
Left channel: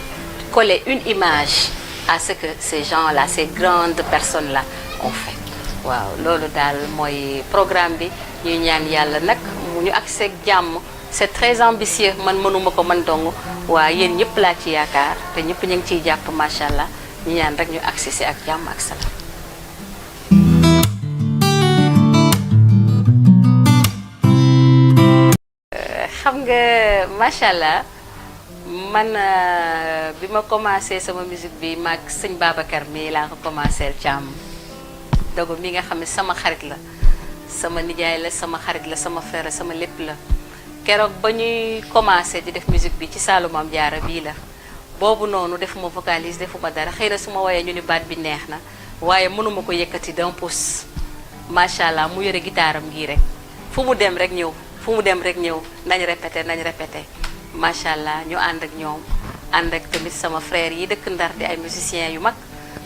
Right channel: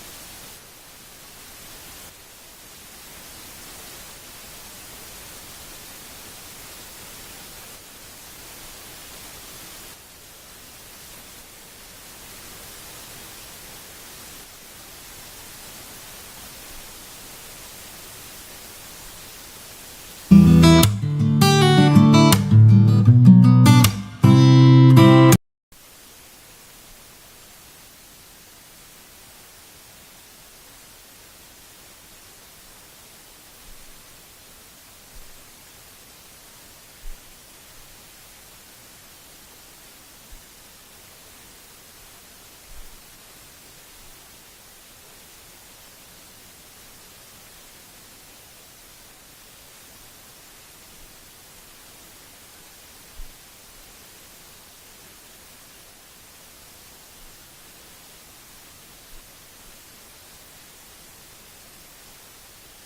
coller une image à ce que ces gens-là ces grandes personnes-là ont fait waaw loolu daal mooy programme bi ñuy ñaan yàlla nag mu ñu agsi ak jàmm c'est très ambitieux man mënuma ko man dong waa yéen ñëpp laa ci yaakaar te ñëpp ñu ngi ciy jàpp macha allah ñu ñaan rek ñu agsi si ak jàmm ak salaam. xam nga macha allah man bi ma commencé sama musique bi maag sëñ Babacar mi laa ko commencé Thiam dogo mi nga xam ne sama xarit la sama nijaay la sama xarit la sama frère la sama lépp la keroog ba ñuy commencé di def musique bi ci Saalum Maam Jaara bii la. boobu noonu defuma vocalise defuma dara xëy na su ma woyee ñu ni baat bi neex na waaye mënuma ko yëkkati d'un pouce macha allah mu yore gitaaram gii rek fu mu dem rek ñëw nañ répété macha allah ñu ànd ak ñoom ànd ak tamit sama frère yi dëkk Ndar di ay musiciens yu mag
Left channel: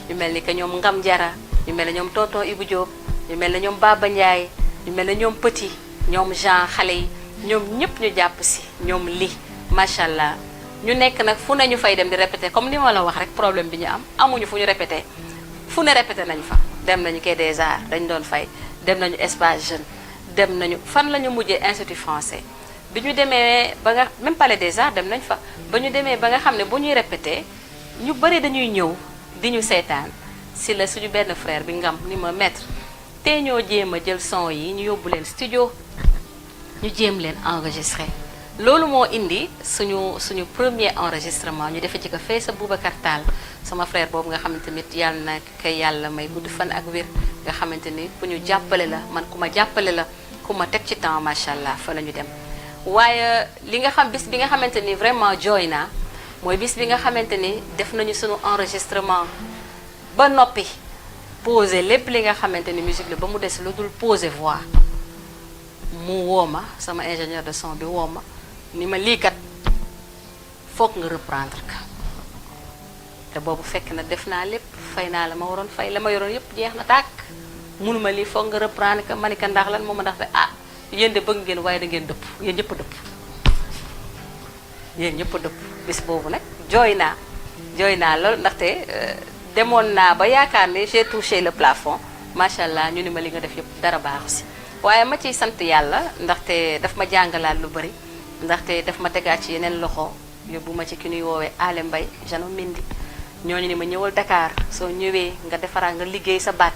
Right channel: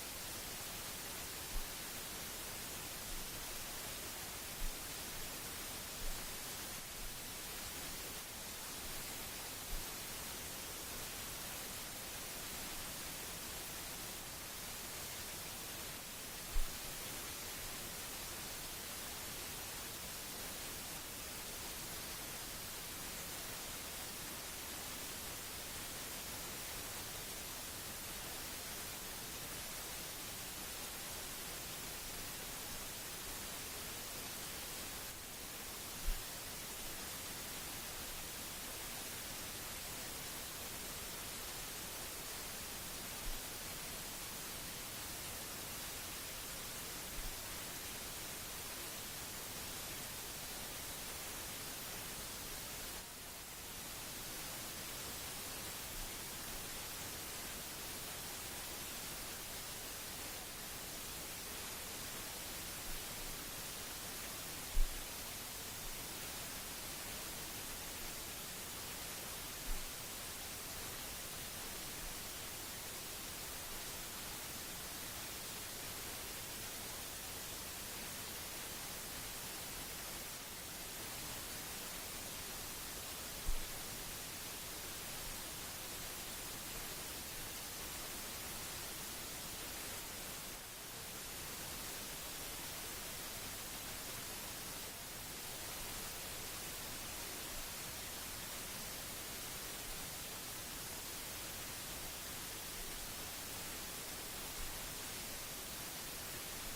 ñu mel ni que ñoom Ngam Jara ñu mel ne ñoom tonton Ibou Diop ñu mel ne ñoom Baba Ndiaye ñu mel ne ñoom Petit ñoom Jean xale yi ñoom ñëpp ñu jàpp si ñoom li macha allah. ñu nekk nag fu ne ñu fay dem di répété comme ni ma la wax rek problème bi ñu amuñu fu ñu répété fu ne répété nañu fa dem nañu Quai des Arts dañu doon fay dem nañu espace jeune dem nañu fan la ñu mujjee institut français bi ñu demee ba nga même palais des arts dem nañ fa ba ñu demee ba nga xam ne bu ñuy répété ñu bëri dañuy ñëw di ñu seetaan si la suñu benn frère bi Ngam ni ma maître te ñoo jéem a jël son yi ñu yóbbu leen studio ñu jéem leen enregistré loolu moo indi suñu premier enregistrement ñu defee ci ko fee sa Boubacar Tall sama frère boobu nga xamante ni yàlla na ko yàlla may gudd fan ak wér nga xamante ni ku ñu jàppale la man ku ma jàppale la ku ma teg ci temps macha allah fa la ñu dem. waaye li nga xam bis bi nga xamante ni vraiment jooy naa mooy bis bi nga xamante ni def nañu suñu enregistrement ba noppi posé lépp li nga xamante ni musique la ba mu des lu dul posé voix mu woo ma sama ingénieur de son bi woo ma ni ma lii kat foog nga reprendre ka te boobu fekk na def naa lépp fay naa la ma waroon fay la ma yoroon yëpp jeex na tàkk munuma lii foog nga reprendre ka ma ni ka ndax lan moo ma ndax de yéen de bëgg ngeen waaye da ngeen dëpp yéen ñëpp dëpp bis boobu nag jooy naa lool ndaxte demoon naa ba yaakaar ne j'ai touché le plafond macha allah ñu ni ma li nga def yëpp dara baaxu si waaye ma ciy sant yàlla ndaxte daf ma jàngalaat lu bari ndaxte daf ma tegaat ci yeneen loxo yóbbu ma ci ki ñuy woowee Ale Mbaye Jano Mindi ñooñu ni ma ñëwal Dakar soo ñëwee nga defaraat nga liggéey sa baat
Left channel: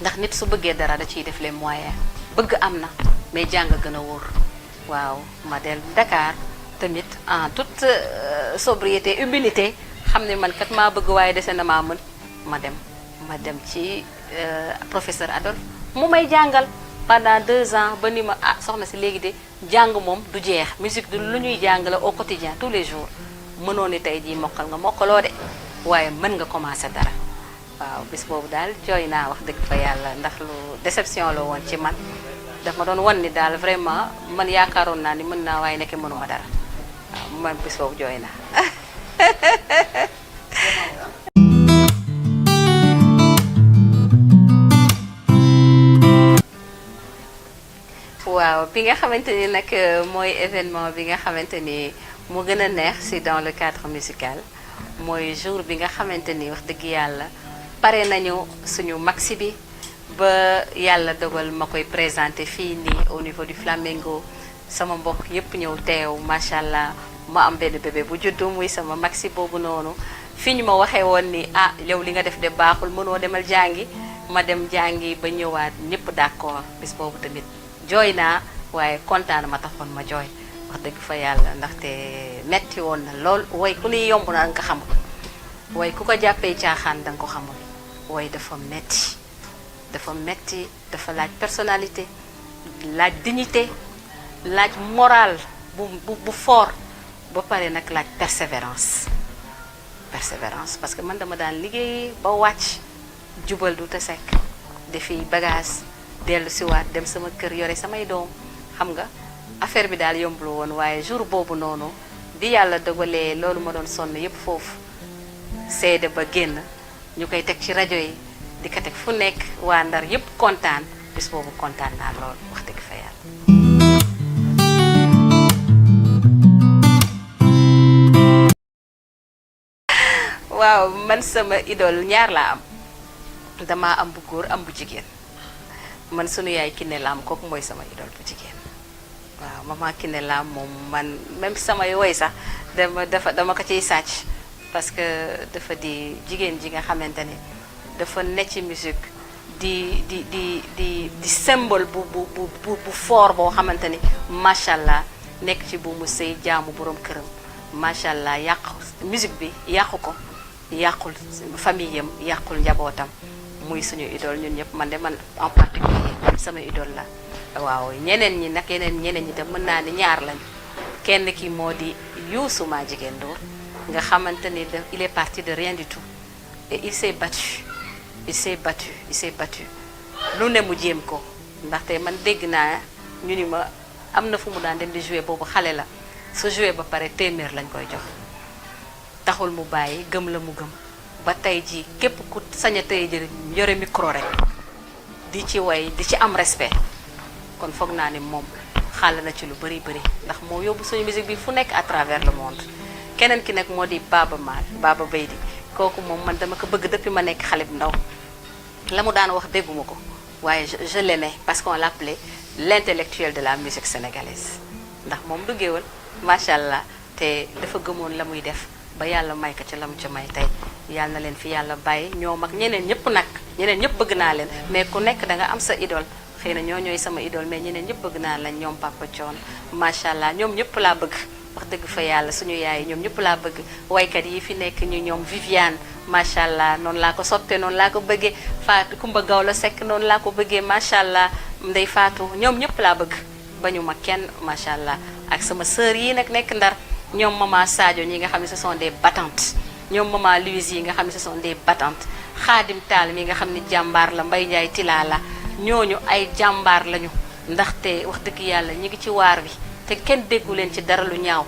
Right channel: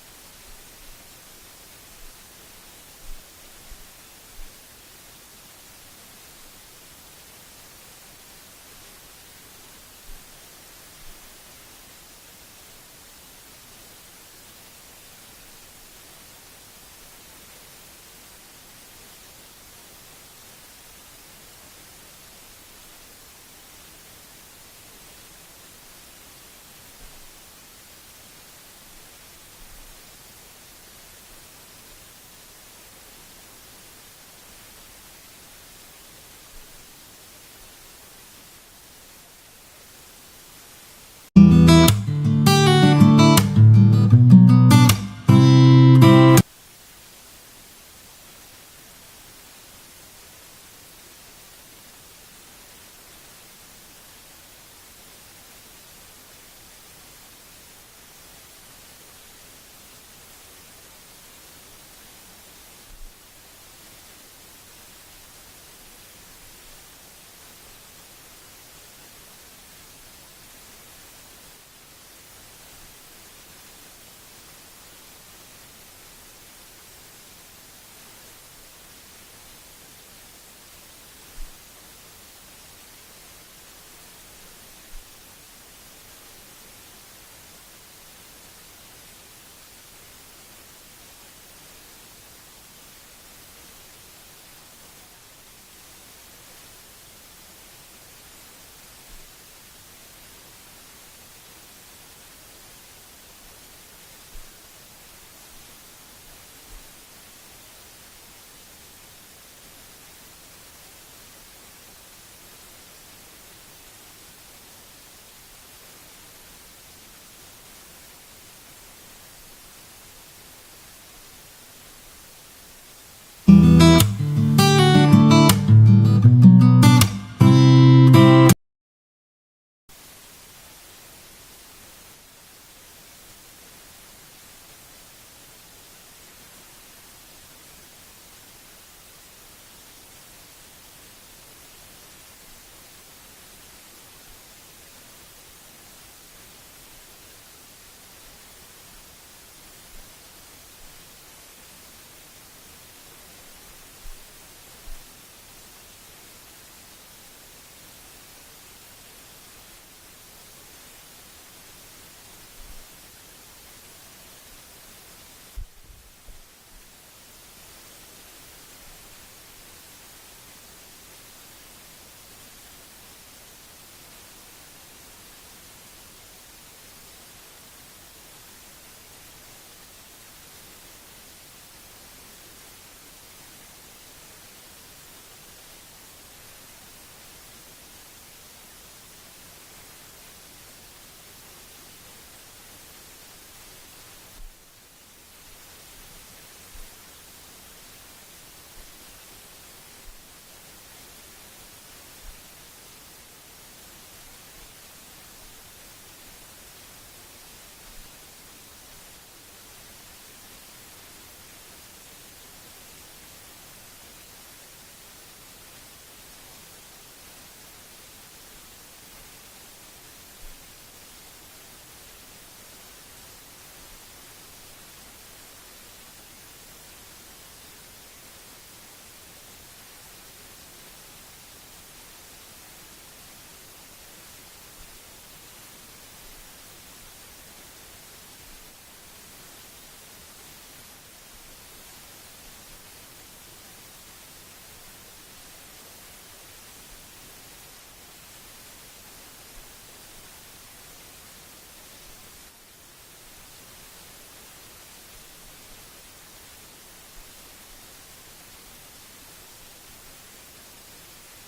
ndax nit su bëggee dara da ciy def les moyens bëgg am na mais jàng gën a wóor waaw ma del Dakar tamit en toute sobriété humilité xam ne man kat maa bëgg waaye dese na maa mën ma dem ci professeur Adolphe mu may jàngal pendant 2 ans ba ni ma soxna si léegi de jàng moom du jeex musique du lu ñuy jàng la au quotidien tous les jours mënoo ni tey jii mokkal nga mokkaloo de waaye mën nga commencer dara waaw bis boobu daal jooy naa wax dëgg fa yàlla ndax lu déception la woon ci man daf ma doon wan ni daal vraiment man yaakaaroon naa ni mën naa waaye nekk mënuma dara waaw man bis boobu jooy naa waaw bi nga xamante ni nag mooy événement bi nga xamante ni mu gën a neex si dans le cadre musical mooy jour bi nga xamante ni wax dëgg yàlla pare nañu suñu maxi bi ba yàlla dogal ma koy présenté fii nii au niveau du Flamengo sama mbokk yépp ñëw teew macha allah ma am benn bébé bu juddu muy sama maxi boobu noonu fi ñu ma waxee woon ni yow li nga def de baaxul mënoo demal jàngi ma dem jàngi ba ñëwaat ñëpp d'accord bis boobu tamit jooy naa waaye kontaan ma taxoon ma jooy wax dëgg fa yàlla ndaxte metti woon na lool way ku ni yomb na nga ko xamul way ku ko jàppee caaxaan danga ko xamul way dafa metti dafa laaj personnalité laaj dignité laaj morale bu fort ba pare nag laaj persévérance parce que man dama daan liggéey ba wàcc jubal du te sekk defi bagage dellu siwaat dem sama kër yore samay doom xam nga affaire bi daal yombul woon waaye jour boobu noonu bi yàlla dogalee loolu ma doon sonn yépp foofu seede ba génn ñu koy teg ci rajo yi di ko teg fu nekk waa Ndar yépp kontaan bis boobu kontaan naa lool wax dëgg fa yàlla. waaw man sama idole ñaar laa am dama am bu góor am bu jigéen man sunu yaay Kiné Lam kooku mooy sama idole bu jigéen waaw maman Kiné Lam moom man même samay woy sax dama ko ciy sàcc parce que dafa di jigéen ji nga xamante ni dafa ne ci musique di symbole bu fort boo xamante ni macha allah nekk ci bu mu sëy jaamu borom këram macha allah musique bi yàqu ko yàqul famille yam yàqul njabootam muy suñu idole ñun ñëpp man en particulier sama idole la waaw ñeneen ñi nag ñeneen ñi tam mën naa ni ñaar lañu kenn ki moo di Youssou Madjiguène Ndour nga xamante ni il est parti de rien du tout et il s'est battu lu ne mu jéem ko ndaxte man dégg naa ñu ni ma am na fu mu daan dem di jouer boobu xale la su jouer ba pare téeméer lañ koy jox taxul mu bàyyi gëm la mu gëm ba tey ji képp ku sañ a tey jël yore micro rek di ci way di ci am respect kon foog naa ni moom xàll na ci lu bari ndax moo yóbbu suñu musique bi fu nekk à travers le monde keneen ki nag moo di Baba Baydi kooku moom man dama ko bëgg depuis ma nekk xale bu ndaw la mu daan wax dégguma ko waaye je l'aimais parce qu'on l'appelait l'intellectuel de la musique sénégalaise ndax moom du géwël macha allah te dafa gëmoon la muy def ba yàlla may ko ci la mu ci may tey yàlla na leen fi yàlla bàyyi ñoom ak ñeneen ñëpp bëgg naa leen mais ku nekk da nga am sa idole xëy na ñooy sama idole mais ñeneen ñëpp bëgg naa leen ñoom Papa Thione macha allah ñoom ñëpp laa bëgg wax dëgg fa yàlla suñu yaay ñoom ñëpp laa bëgg waykat yi fi nekk ñu ñoom Viviane macha allah noonu laa ko soppee noonu laa ko bëggee Fatou Kumba Gawlo Seck noonu laa ko bëggee macha allah Ndey Fatou ñoom ñëpp laa bëgg bañu ma kenn macha allah ak sama sœur yi nag nekk Ndar ñoom maman Sadio ñi nga xam ne ce sont des battantes ñoom maman Louise yi nga xam ne ce sont des battantes Khadim Tall mi nga xam ne jàmbaar la Mbaye Ndiaye Tilala la ñooñu ay jàmbaar lañu ndaxte wax dëgg yàlla ñi ngi ci waar bi te kenn déggu leen ci dara lu ñaaw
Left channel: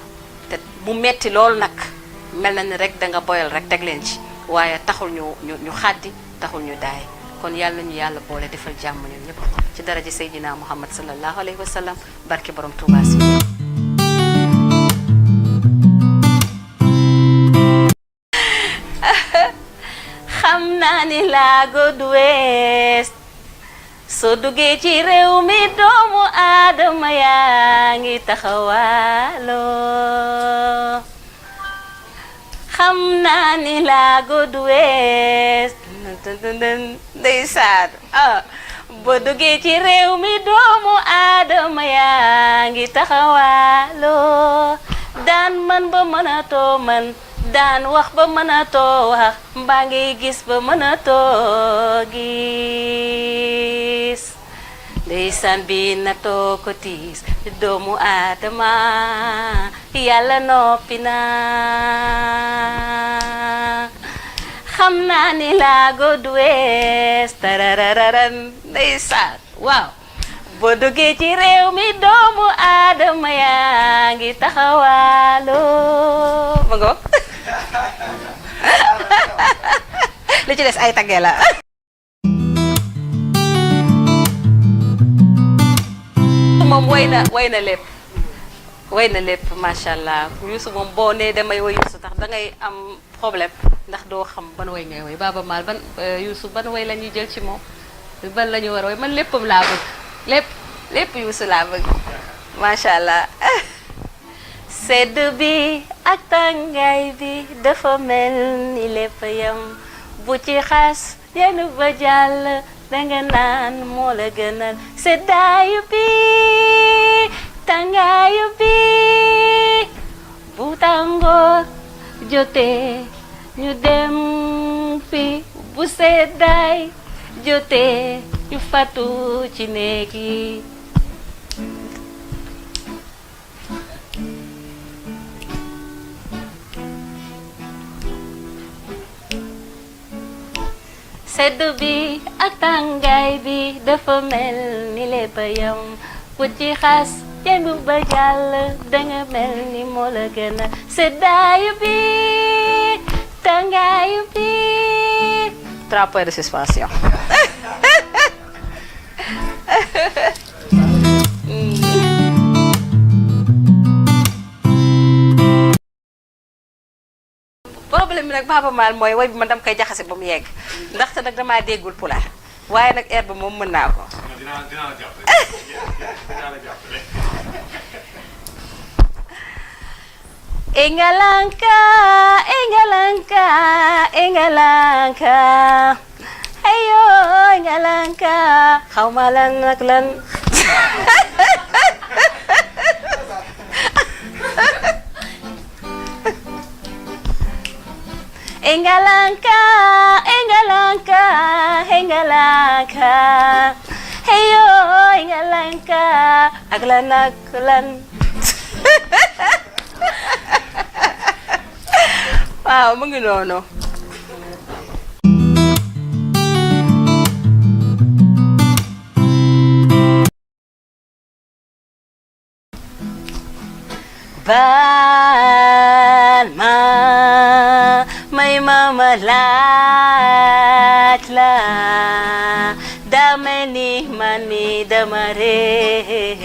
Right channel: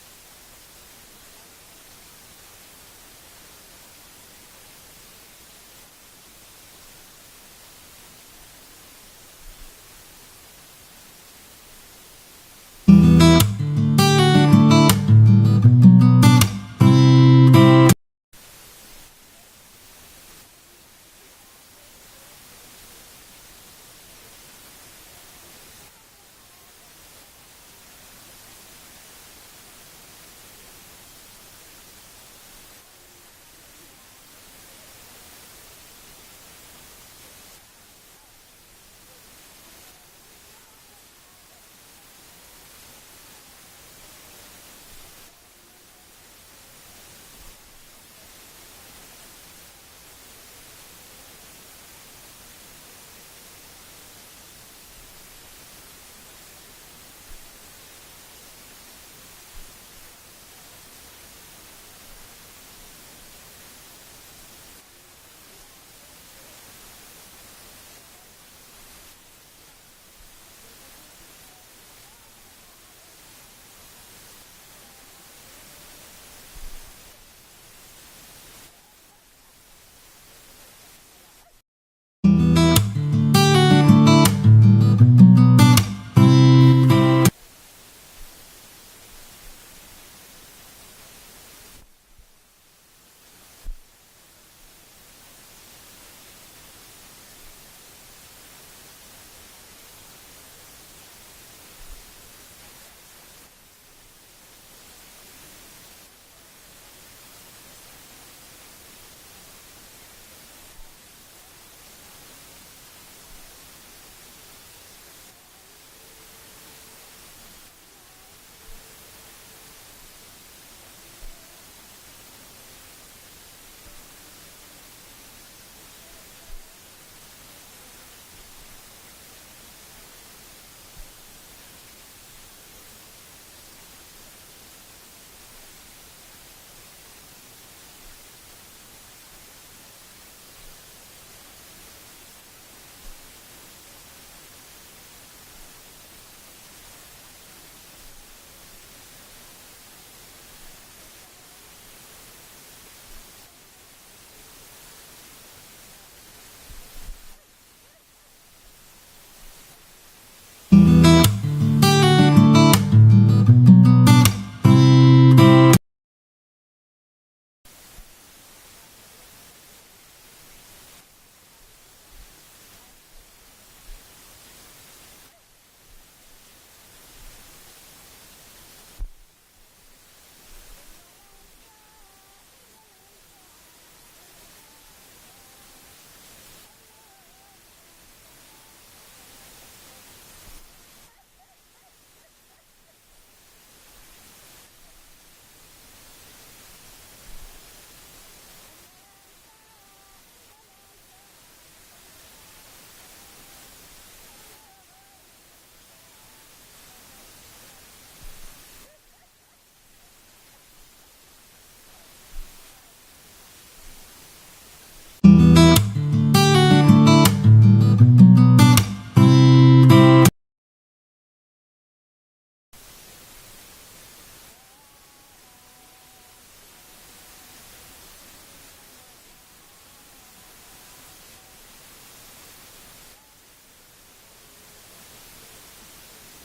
te mu metti loolu nag mel na ni rek da nga boyal rek teg leen ci waaye taxul ñu xàddi taxul ñu daay kon yàlla nañu yàlla boole defal jàmm ñun ñëpp ci daraja Seydina Muhammad sallallahu alayhi wa sallam barke borom Touba si xam naa ni laago du wees soo duggee ci réew mi doomu aadama yaa ngi taxawaaloo xam naa ni laago du wees ndeysaan boo duggee ci réew mi doomu aadama yaa ngi taxawaaloo daan man ba mënatoo man daan wax ba mënatoo wax mbaa ngay gis ba mënatoo gis ndeysaan bi na too ko tiis doomu aadama yàlla noppi na xam naa ni laago du wees tararararan ndeysaan waaw boo duggee ci réew mi doomu aadama yaa ngi taxawaaloo ma ngoog li ci des ay tagge la moom way na lépp macha allah Youssou moom boo nee damay woy Youssou tax da ngay am problème ndax doo xam ban way ngay woy Baaba Maal ban Youssou ban way la ñuy jël ci moom ban la ñu war a woy man léppam laa bëgg lépp Youssou laa bëgg macha allah sedd bi ak tàngaay bi dafa mel ni lépp yam bu ci xas yenn ba jàll danga naan moo la gënal seddaayu bi tàngaayu bi bu tàngoor jotee ñu dem fi bu seddaay jotee ñu fatu ci néeg yi sedd bi ak tàngaay bi dafa mel ni lépp yam bu ci xas yenn ba jàll danga mel ni moo la gën a seddaayu bi tàngaayu bi 3 points de suspension problème bi nag Baaba Maal mooy way bi man dama koy jaxase ba mu yegg ndaxte nag damaa déggul pulaar waaye nag air bi moom mën naa ko dinaa la jàppale Engalanka Engalanka Engalanka ayo Engalanka xaw ma lan nag lan Engalanka Engalanka Engalanka ayo Engalanka ak lan ak lan waaw mu ngi noonu baal ma may mama laaj la dama ni man mi dama réer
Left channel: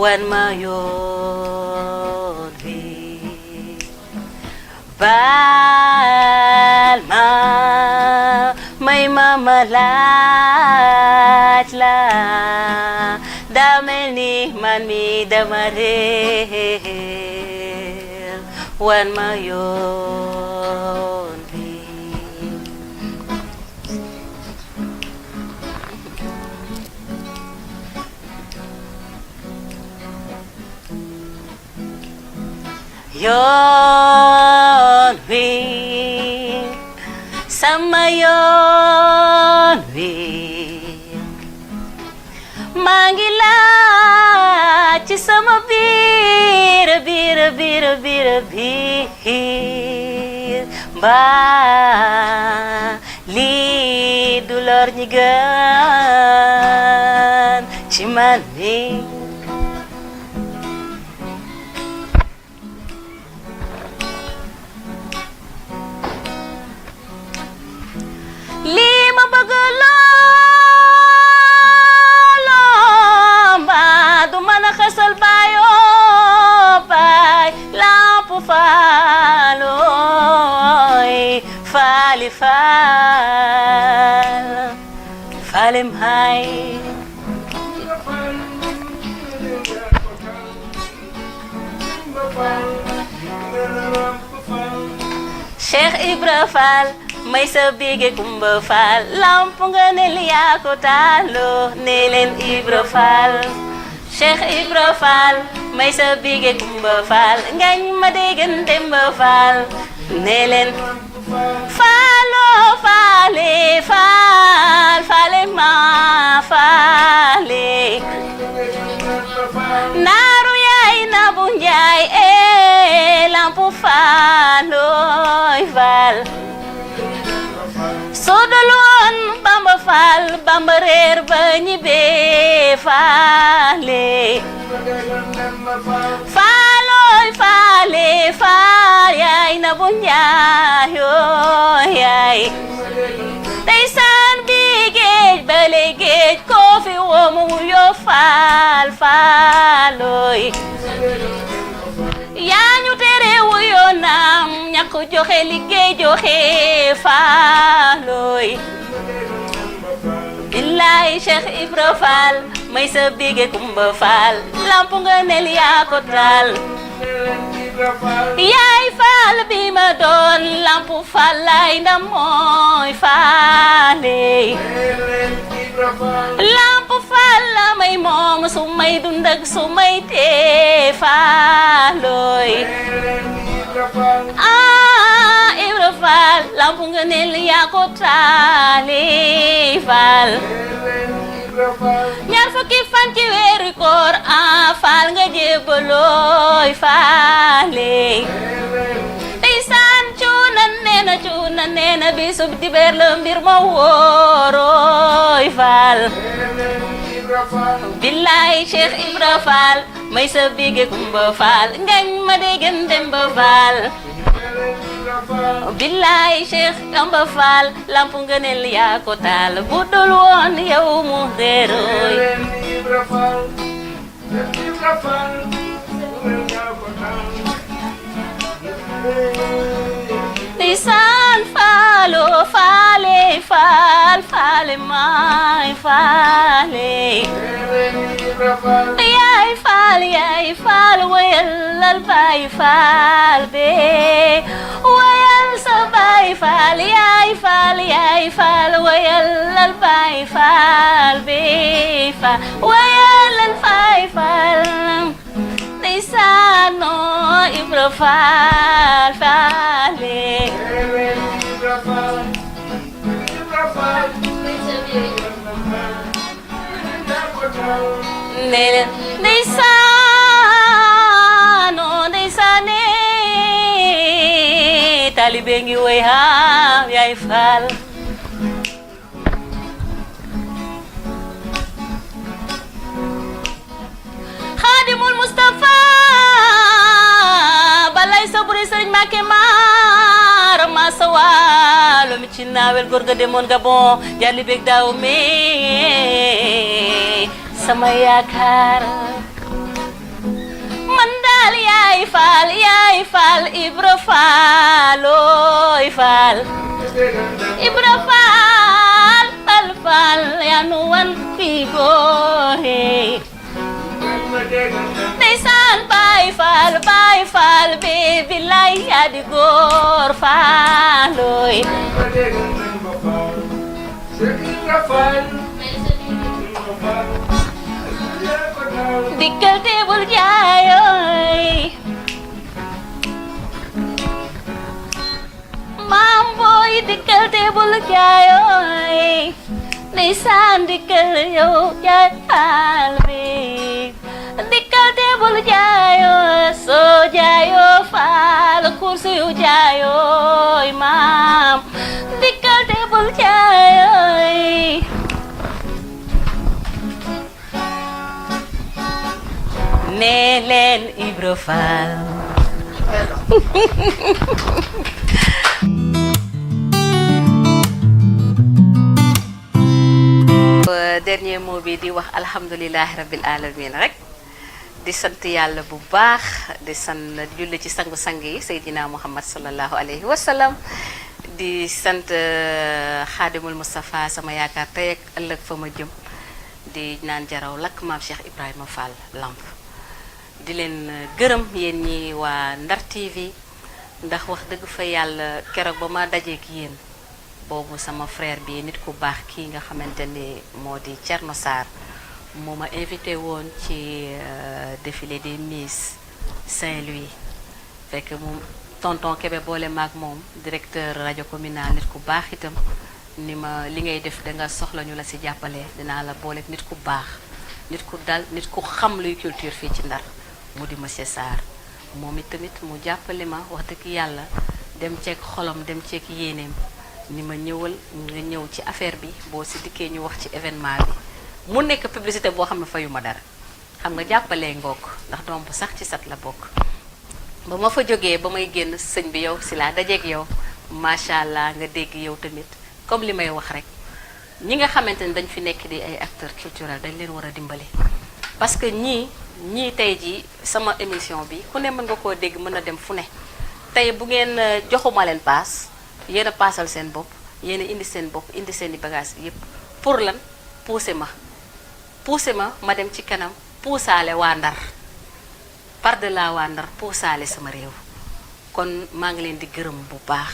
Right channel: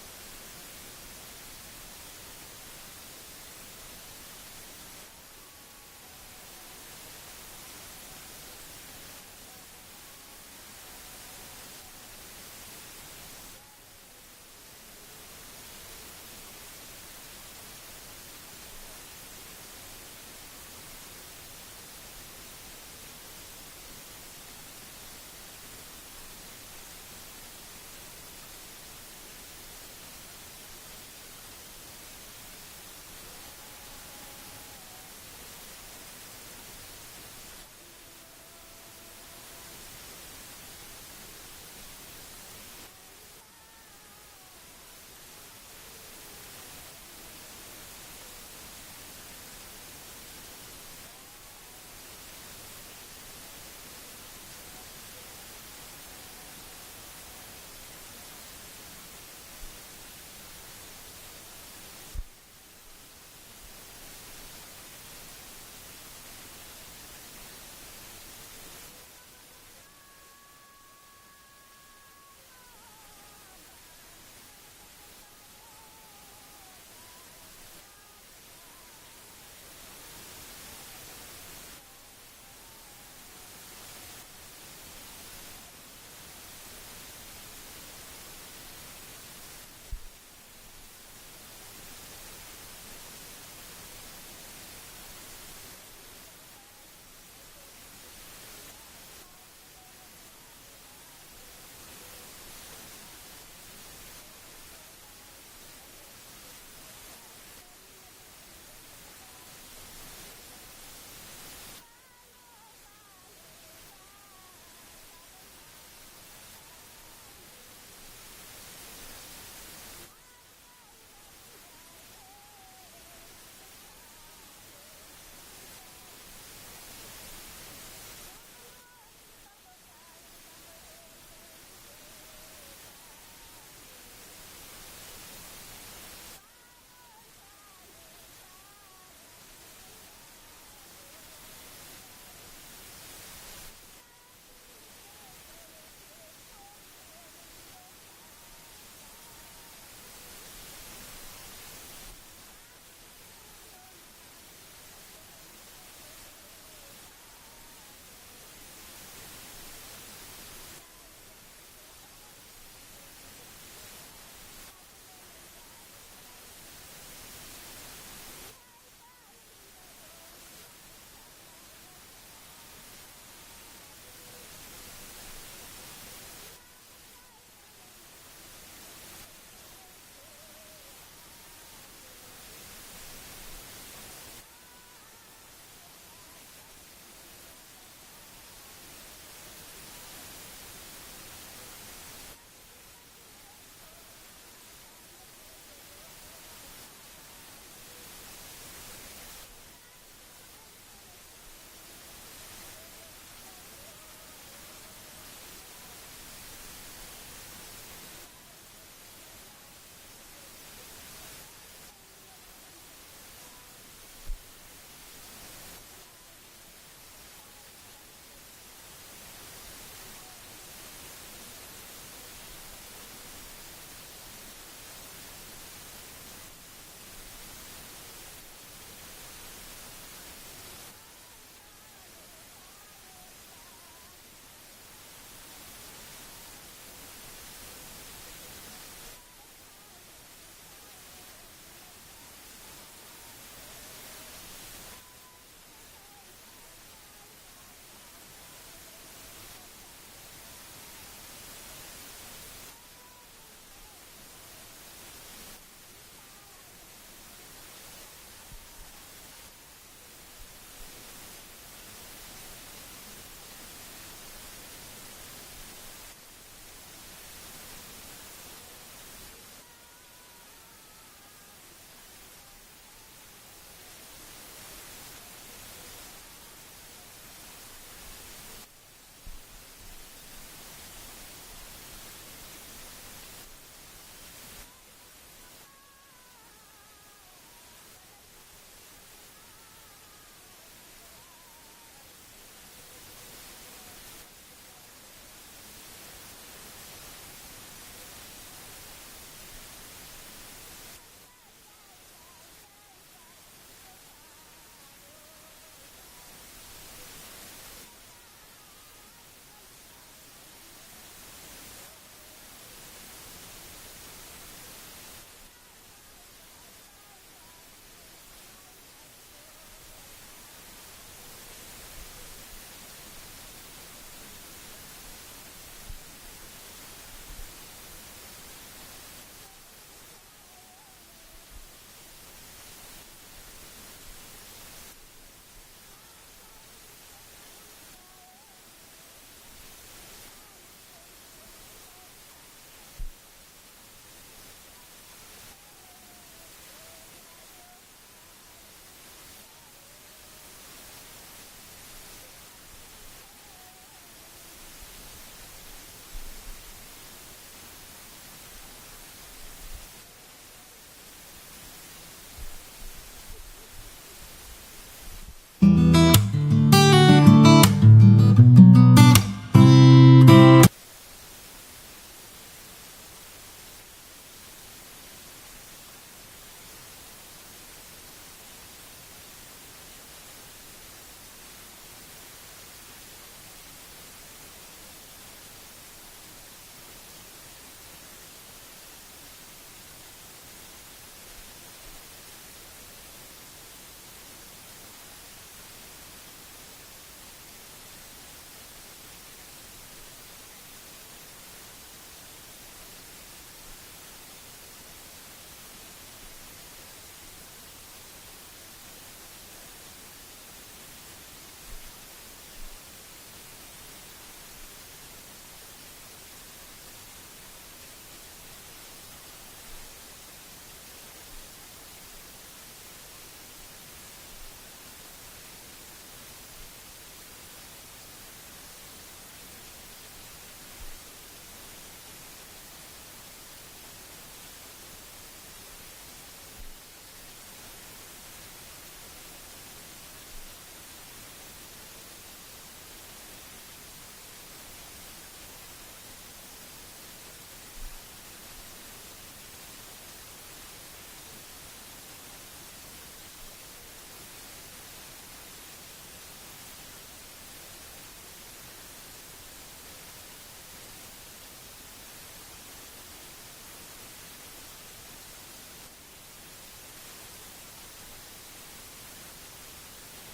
wan ma yoon baal ma may mama laaj la daa mel ni man mi dama réer wan ma yoon bi yoon wi sama yoon wi maa ngi laaj ci sama biir mbaa lii du lor ñi gën ci man mi lii ma bëgg looloo mbaa du mën a xasal baayoo baay lamp faalooy faali faal faalim hay Cheikh Ibra Fall may sa bige Kumba Fall lamp nga ne li yaa ko taaloo ne leen Ibra Fall Cheikh Ibra Fall may sa bige Kumba Faal ngañ ma déggan Demba Faal ne leen faalo faale faal faale ma faale naaru yaay na bu njaay lampu faaloy faal sodul woon Bamba Faal Bamba reer ba ñibbee faale faaloy faale faal yaay na bu njaay yaay ndeysaan bi géej bale géej koo fi womu yo faal faaloy yaa ñu tere wuyo naam ñàkk joxe liggéey joxe faaloy billaay Cheikh Ibra Faal may sa bige Kumba Faal lampu nga nel yaa ko taal yaay faal bi ma doon lampu faal lay ndam mooy faale lampu faal la may moom su may dund ak su may tee faaloy Ibra Faal lampu nga nel yaa ko taali faal ñaar fukki fan ci weeru koor faal nga jébbalooy faale ndeysaan cuuna neena bisub dibeer la mbir ma wóorooy faal billaay Cheikh Ibra Faal may sa bige Kumba Faal ngañ ma déggan Demba Faal billaay Cheikh Bamba Faal lampu ngëneel yaa ko taal bu dul woon yow mu réerooy ndeysaan faalo faale faal faale maay faale yaay faal wayal baay faal be wayal sa baay faal yaay faal wayal baay faal be wayal baay faal ndeysaan Ibra Faal faale ndeysaane talibe ngi way ha yaay faal Xaadimul Mustafa balay saburi Sëriñ Mbàkke maar ma sawalo mi ci naawel góor ga demoon Gabon jalli bég daaw me sama yaakaar man daal yaay faal Ibra Faalooy faal Ibra Faal faal yaa nu wan fii goohe ndeysaan baay faal be billaay yaa di góor faalooy dikkal te bul jaayooy maam booy dikkal te bul jaayooy ndeysaan dikkal yow jaay faal be dikkal te bul jaayooy soo jaayoo faal kursu yu jaayooy maam dikkal te bul jaayooy nee leen Ibra Faal dernier mot bi di wax alhamdulilahi rabbil alamin rek di sant yàlla bu baax di sant julli ci sangu-sang yi Seydina Muhammad sallallahu alayhi wa sallam di sant Xaadimul Mustafa sama yaakaar tey ak ëllëg fa ma jëm di naan jaraw lakk maam Cheikh Ibrahima Fall Lamp di leen gërëm yéen ñi waa Ndar TV ndax wax dëgg fa yàlla keroog ba ma dajeek yéen boobu sama frère bi nit ku baax kii nga xamante ni moo di Thierno Sarr moo ma invité woon ci défilé des Miss Saint-Louis fekk moom tonton Kébé boole maag moom directeur rajo communal nit ku baax itam ni ma li ngay def da nga soxla ñu la ci jàppale dinaa la boole nit ku baax nit ku dal nit ku xam luy culture fii ci Ndar mu di monsieur Sarr moom it tamit mu jàppale ma wax dëgg yàlla dem ceeg xolam dem ceeg yéeneem ni ma ñëwal nga ñëw ci affaire bi boo ci dikkee ñu wax ci événement bi mu nekk publicité boo xam ne fayuma dara xam nga jàppalee ngook ndax doom bu sax ci sat la bokk ba ma fa jógee ba may génn sëñ bi yow si laa dajeeg yow macha allah nga dégg yow tamit comme li may wax rek ñi nga xamante ni dañ fi nekk di ay acteurs culturels dañ leen war a dimbali parce que ñii tey jii sama émission bi ku ne mën nga koo dégg mën a dem fu ne tey bu ngeen joxuma leen paas yéen a paasal seen bopp yéen a indi seen bopp indi seen i bagages yépp pour lan pousser ma ma dem ci kanam puusaale waa Ndar par de la waa Ndar puusaale sama réew kon maa ngi leen di gërëm bu baax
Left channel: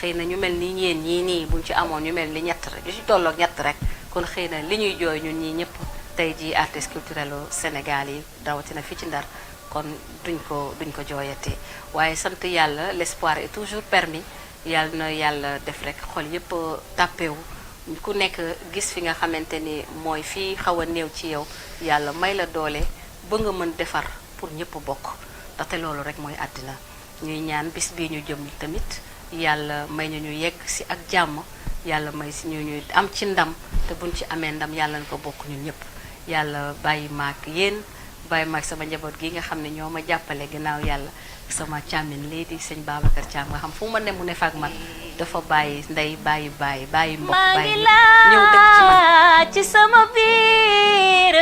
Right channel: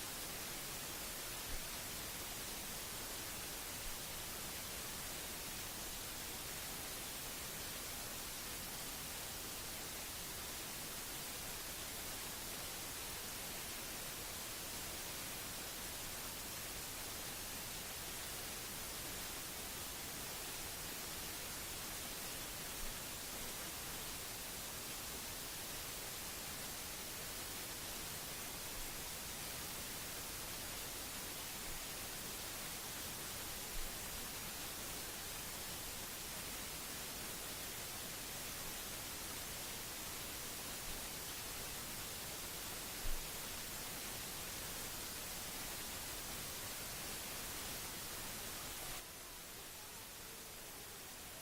xëy na ñu mel ni ñeen ñii nii buñ ci amoon ñu mel ni ñett rek ñu ci tolloog ñett rek kon xëy na li ñuy jooy ñun ñii ñëpp tey jii artistes culturels au Sénégal yi rawatina fii ci Ndar kon duñ ko jooyatee waaye sant yàlla l'espoir est toujours permis yàlla na yàlla def rek xol yëpp tàppewu ku nekk gis fi nga xamante ni mooy fii xaw a néew ci yow yàlla may la doole ba nga mën defar pour ñëpp bokk ndaxte loolu rek mooy àddina ñuy ñaan bis bii ñu jëm tamit yàlla may ñu yegg si ak jàmm yàlla may si ñu am ci ndam te buñ ci amee ndam yàlla na ko bokk ñun ñëpp yàlla bàyyi maak yéen bàyyi maak sama njaboot gi nga xam ne ñoo ma jàppale ginnaaw yàlla sama càmmin lii di sëñ Babacar Thiam nga xam fu ma ne mu ne fag man dafa bàyyi ndey bàyyi mbokk bàyyi ñëw dëkk ci man ci sama biir